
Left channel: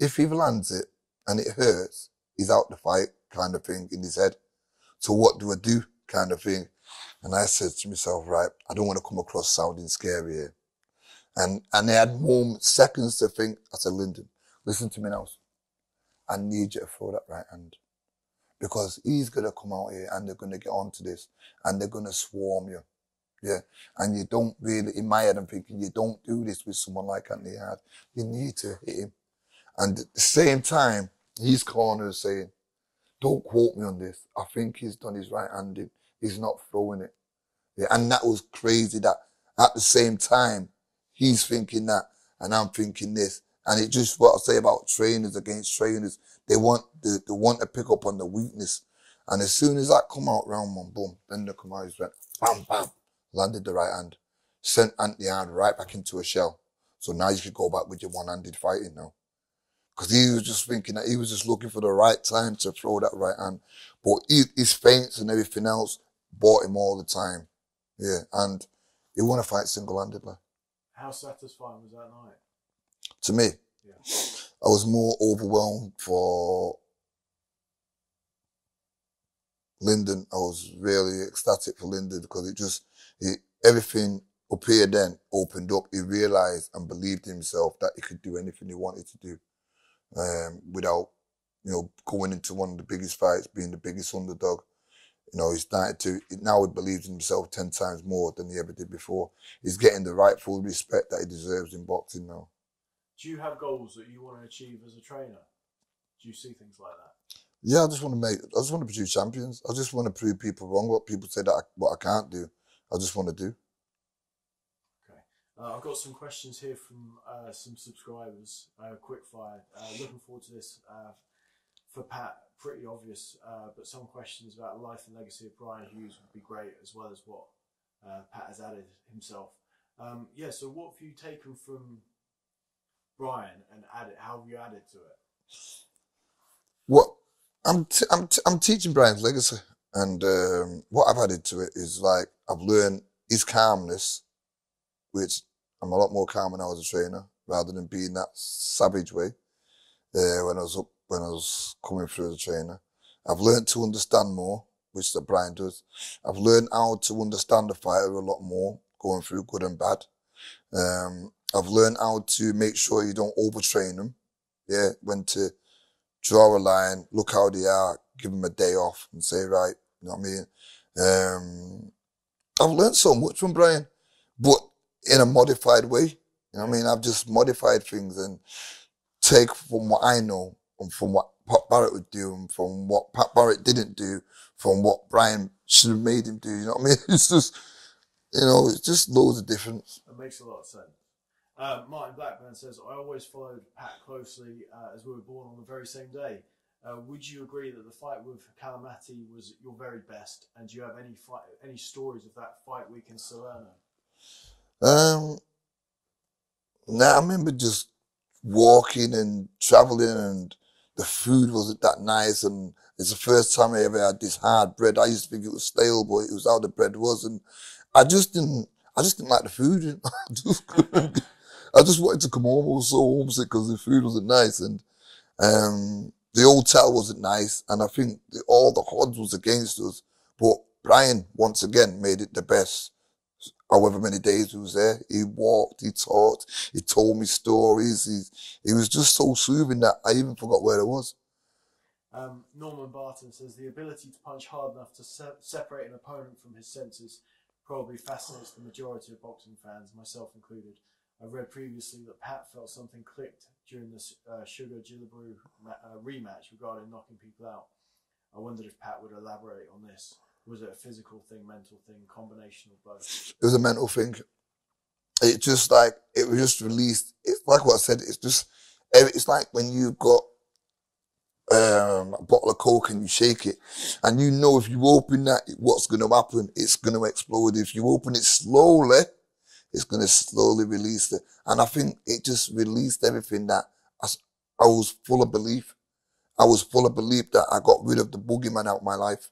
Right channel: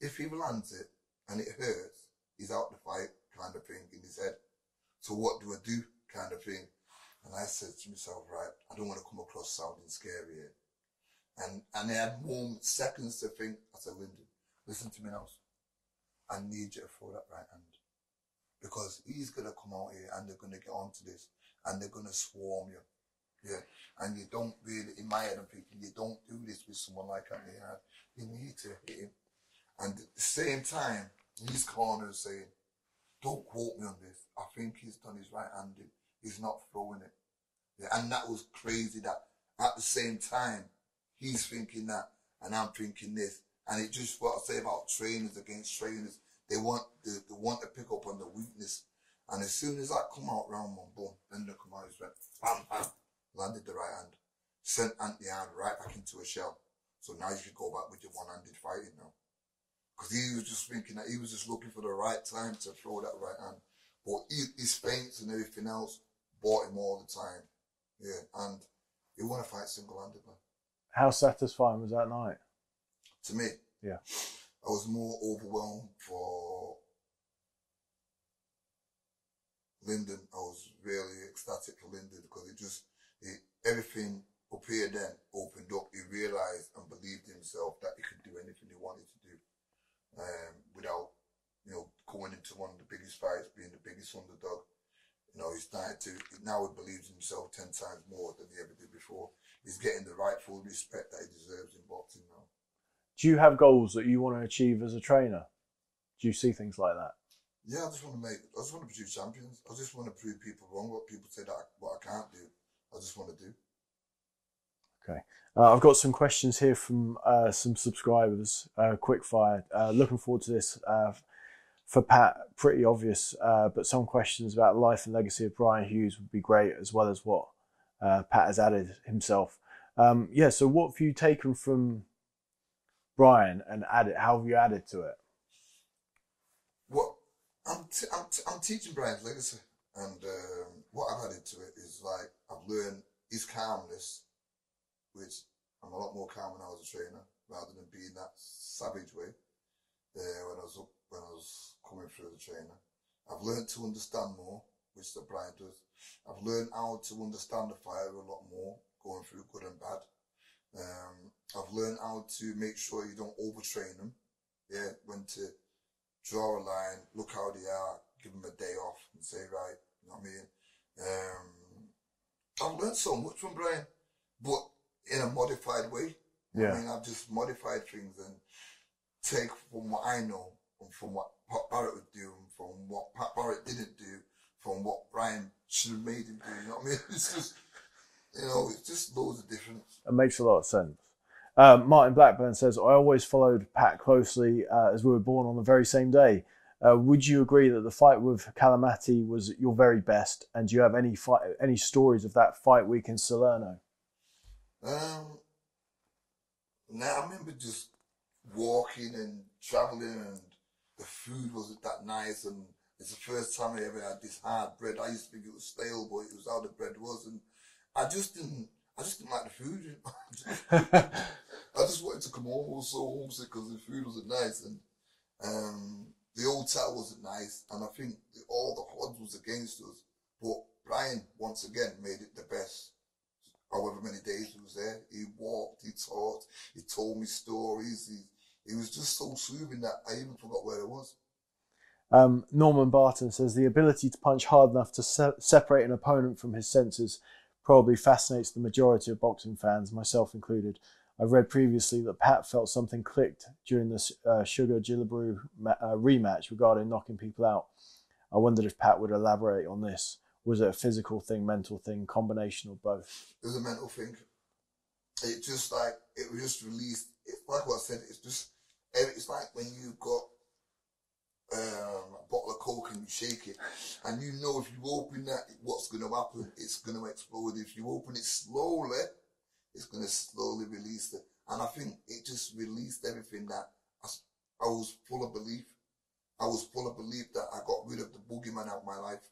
if he lands it and it hurts, he's out the fight kind of thing in his head. So what do I do kind of thing? And I said to myself, right, I don't want to come across sounding scary here. And I had moments, seconds to think. I said, Lyndon, listen to me now. I need you to throw that right hand. Because he's going to come out here and they're going to get onto this and they're going to swarm you. Yeah. And you don't really, in my head, I'm thinking, you don't do this with someone like Anti-Hard. You need to hit him. And at the same time, his corner is saying, don't quote me on this. I think he's done his right-handed. He's not throwing it. Yeah. And that was crazy that at the same time, he's thinking that and I'm thinking this. And it just what I say about trainers against trainers. They want to pick up on the weakness. And as soon as that come out round one, boom, then they come out, he's went, bam, bam, landed the right hand. Sent Anti-Hard right back into a shell. So now you could go back with your one-handed fighting now. Because he was just thinking that he was just looking for the right time to throw that right hand. But his feints and everything else bought him all the time. Yeah, and he won a fight single-handedly. How satisfying was that night? To me? Yeah. I was more overwhelmed for Lyndon. I was really ecstatic for Lyndon because everything up here then opened up. He realised and believed in himself that he could do anything he wanted to do. Without, going into one of the biggest fights, being the biggest underdog. He started to, now he believes in himself 10 times more than he ever did before. He's getting the rightful respect that he deserves in boxing now. Do you have goals that you want to achieve as a trainer? Do you see things like that? Yeah, I just want to produce champions. I just want to prove people wrong, what people say that what I can't do. I just want to do. Okay. I've got some questions here from some subscribers, quick fire. Looking forward to this. For Pat, pretty obvious, but some questions about the life and legacy of Brian Hughes would be great, as well as what Pat has added himself. So what have you taken from Brian and how have you added to it? Well, I'm teaching Brian's legacy, and what I've added to it is like I've learned his calmness, which I'm a lot more calm when I was a trainer, rather than being that savage way when I was coming through as a trainer. I've learned to understand more, which that Brian does. I've learned how to understand the fighter a lot more, going through good and bad. I've learned how to make sure you don't overtrain them. Yeah, when to draw a line, look how they are, give them a day off and say, right, you know what I mean? I've learned so much from Brian, but in a modified way. You know what I mean? I've just modified things and take from what I know and from what Pat Barrett would do and from what Pat Barrett didn't do, from what Brian should have made him do. You know what I mean? It's just, it's just loads of difference. It makes a lot of sense. Martin Blackburn says, I always followed Pat closely as we were born on the very same day. Would you agree that the fight with Calamati was your very best? And do you have any stories of that fight week in Salerno? I remember just walking and traveling, and the food wasn't that nice, and it's the first time I ever had this hard bread. I used to think it was stale, but it was how the bread was, and I just didn't like the food. I just wanted to come home. I was so homesick because the food wasn't nice, and the hotel wasn't nice, and I think all the odds was against us. But Brian, once again, made it the best. However many days he was there, he walked, he talked, he told me stories. He was just so soothing that I even forgot where it was. Norman Barton says the ability to punch hard enough to separate an opponent from his senses probably fascinates the majority of boxing fans, myself included. I've read previously that Pat felt something clicked during the Sugar Gillibrew rematch regarding knocking people out. I wondered if Pat would elaborate on this. Was it a physical thing, mental thing, combination of both? It was a mental thing. It just like, it was just released. It's like what I said, it's like when you've got a bottle of Coke and you shake it, and you know if you open that, what's going to happen? It's going to explode. If you open it slowly, it's going to slowly release it. And I think it just released everything that I was full of belief. I was full of belief that I got rid of the boogeyman out of my life.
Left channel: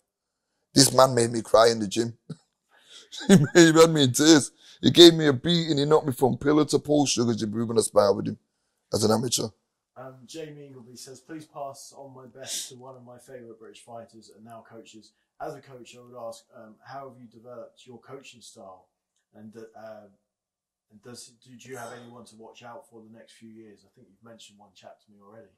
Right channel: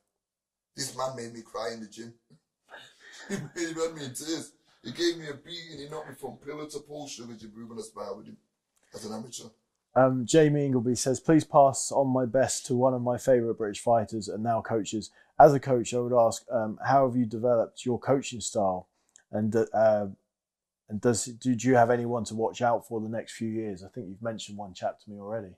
This man made me cry in the gym. He had me in tears. He gave me a beating. He knocked me from pillar to post, Sugar Gillibrew, when I sparred with him as an amateur. Jamie Ingleby says, please pass on my best to one of my favourite British fighters and now coaches. As a coach, I would ask, how have you developed your coaching style? And do you have anyone to watch out for the next few years? I think you've mentioned one chap to me already.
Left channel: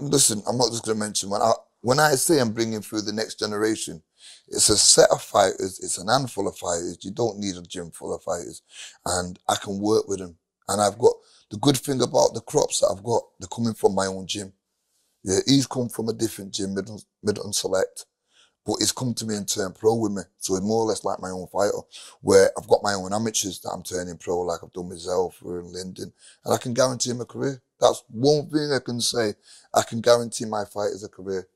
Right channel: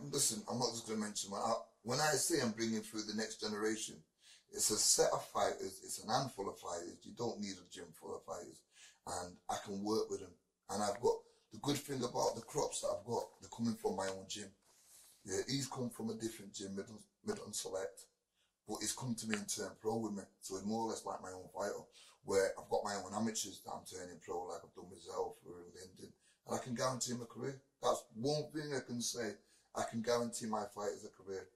Listen, I'm not just going to mention one. When I say I'm bringing through the next generation, it's a set of fighters, it's an handful of fighters. You don't need a gym full of fighters. And I can work with them. And I've got, the good thing about the crops that I've got, they're coming from my own gym. Yeah, he's come from a different gym, Middleton Select, but he's come to me and turned pro with me. So it's more or less like my own fighter, where I've got my own amateurs that I'm turning pro, like I've done with Zelfa and Lyndon, and I can guarantee him a career. That's one thing I can say. I can guarantee my fighters a career.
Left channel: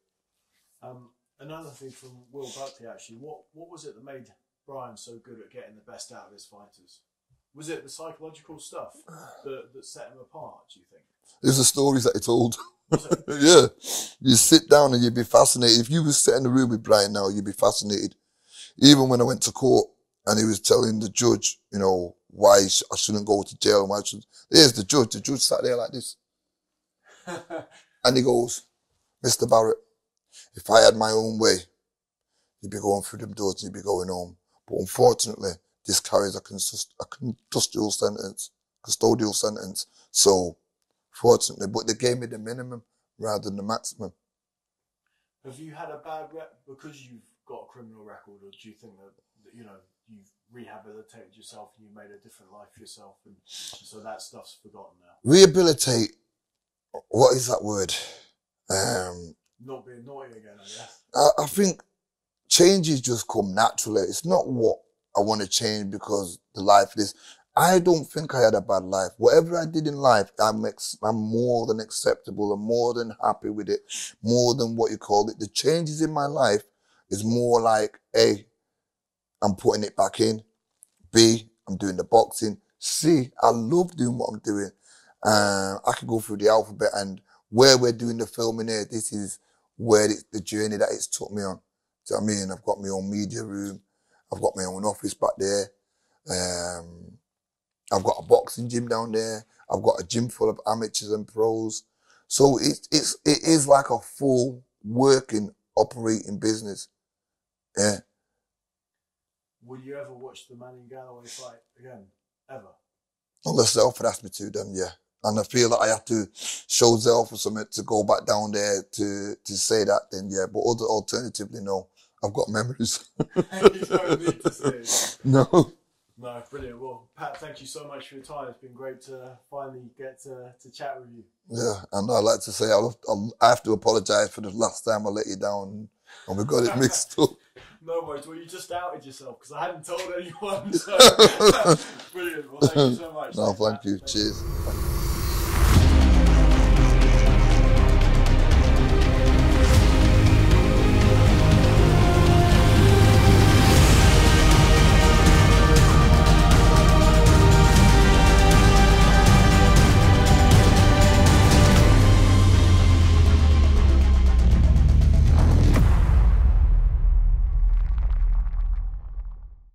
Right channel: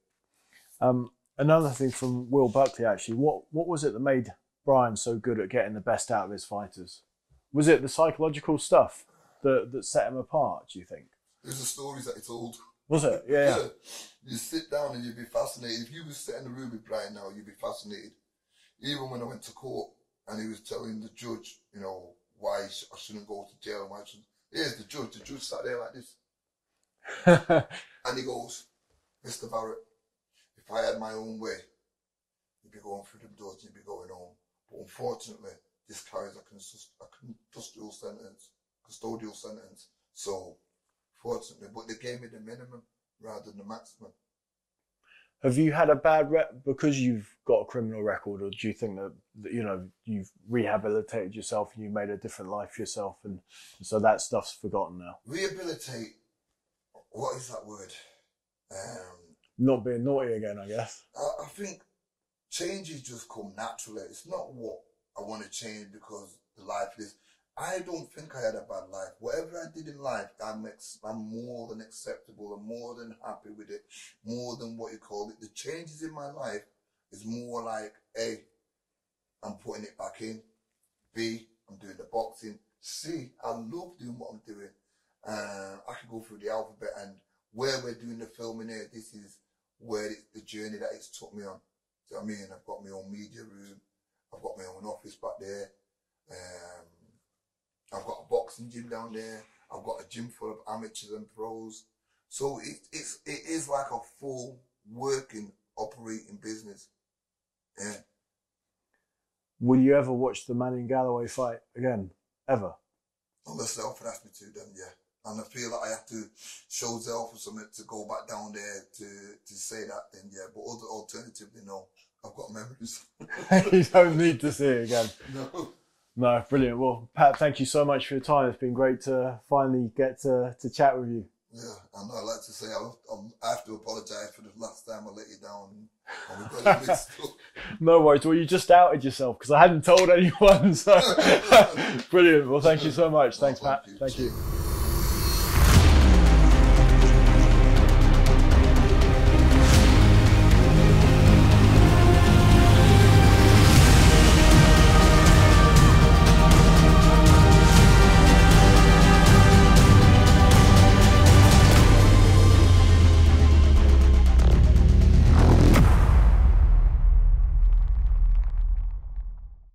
Another thing from Will Buckley, actually, what was it that made Brian so good at getting the best out of his fighters? Was it the psychological stuff that set him apart, do you think? It was the stories that he told. Was it? Yeah. Yeah. You sit down and you'd be fascinated. If you were sitting in the room with Brian now, you'd be fascinated. Even when I went to court and he was telling the judge, you know, why I shouldn't go to jail and why I shouldn't. There's the judge. The judge sat there like this. And he goes, Mr. Barrett, if I had my own way, you'd be going through them doors and you'd be going home. But unfortunately, this carries a custodial sentence. So, fortunately, but they gave me the minimum rather than the maximum. Have you had a bad rep because you've got a criminal record, or do you think that you know, you've rehabilitated yourself and you made a different life for yourself, and so that stuff's forgotten now? Rehabilitate, what is that word? Not being naughty again, I guess. I think changes just come naturally. It's not what I want to change because the life is. I don't think I had a bad life. Whatever I did in life, I'm more than acceptable. I'm more than happy with it. More than what you call it. The changes in my life is more like, A, I'm putting it back in. B, I'm doing the boxing. C, I love doing what I'm doing. I can go through the alphabet, and where we're doing the filming here, this is where the journey that it's took me on. Do you know what I mean? I've got my own media room. I've got my own office back there. I've got a boxing gym down there. I've got a gym full of amateurs and pros. So it is like a full working, operating business. Yeah. Will you ever watch the Manning Galloway fight again? Ever? Unless Zelfa asked me to, then yeah. And I feel that I have to show Zelfa something to go back down there to say that, then yeah. But alternatively, no. I've got memories. You don't need to see it again. No. No, brilliant. Well, Pat, thank you so much for your time. It's been great to finally get to chat with you. Yeah, and I'd like to say I have to apologise for the last time I let you down and we got it mixed up. No worries. Well, you just outed yourself because I hadn't told anyone. So brilliant. Well, thank you so much. No, Thanks, thank Pat. you. Thank Cheers. You.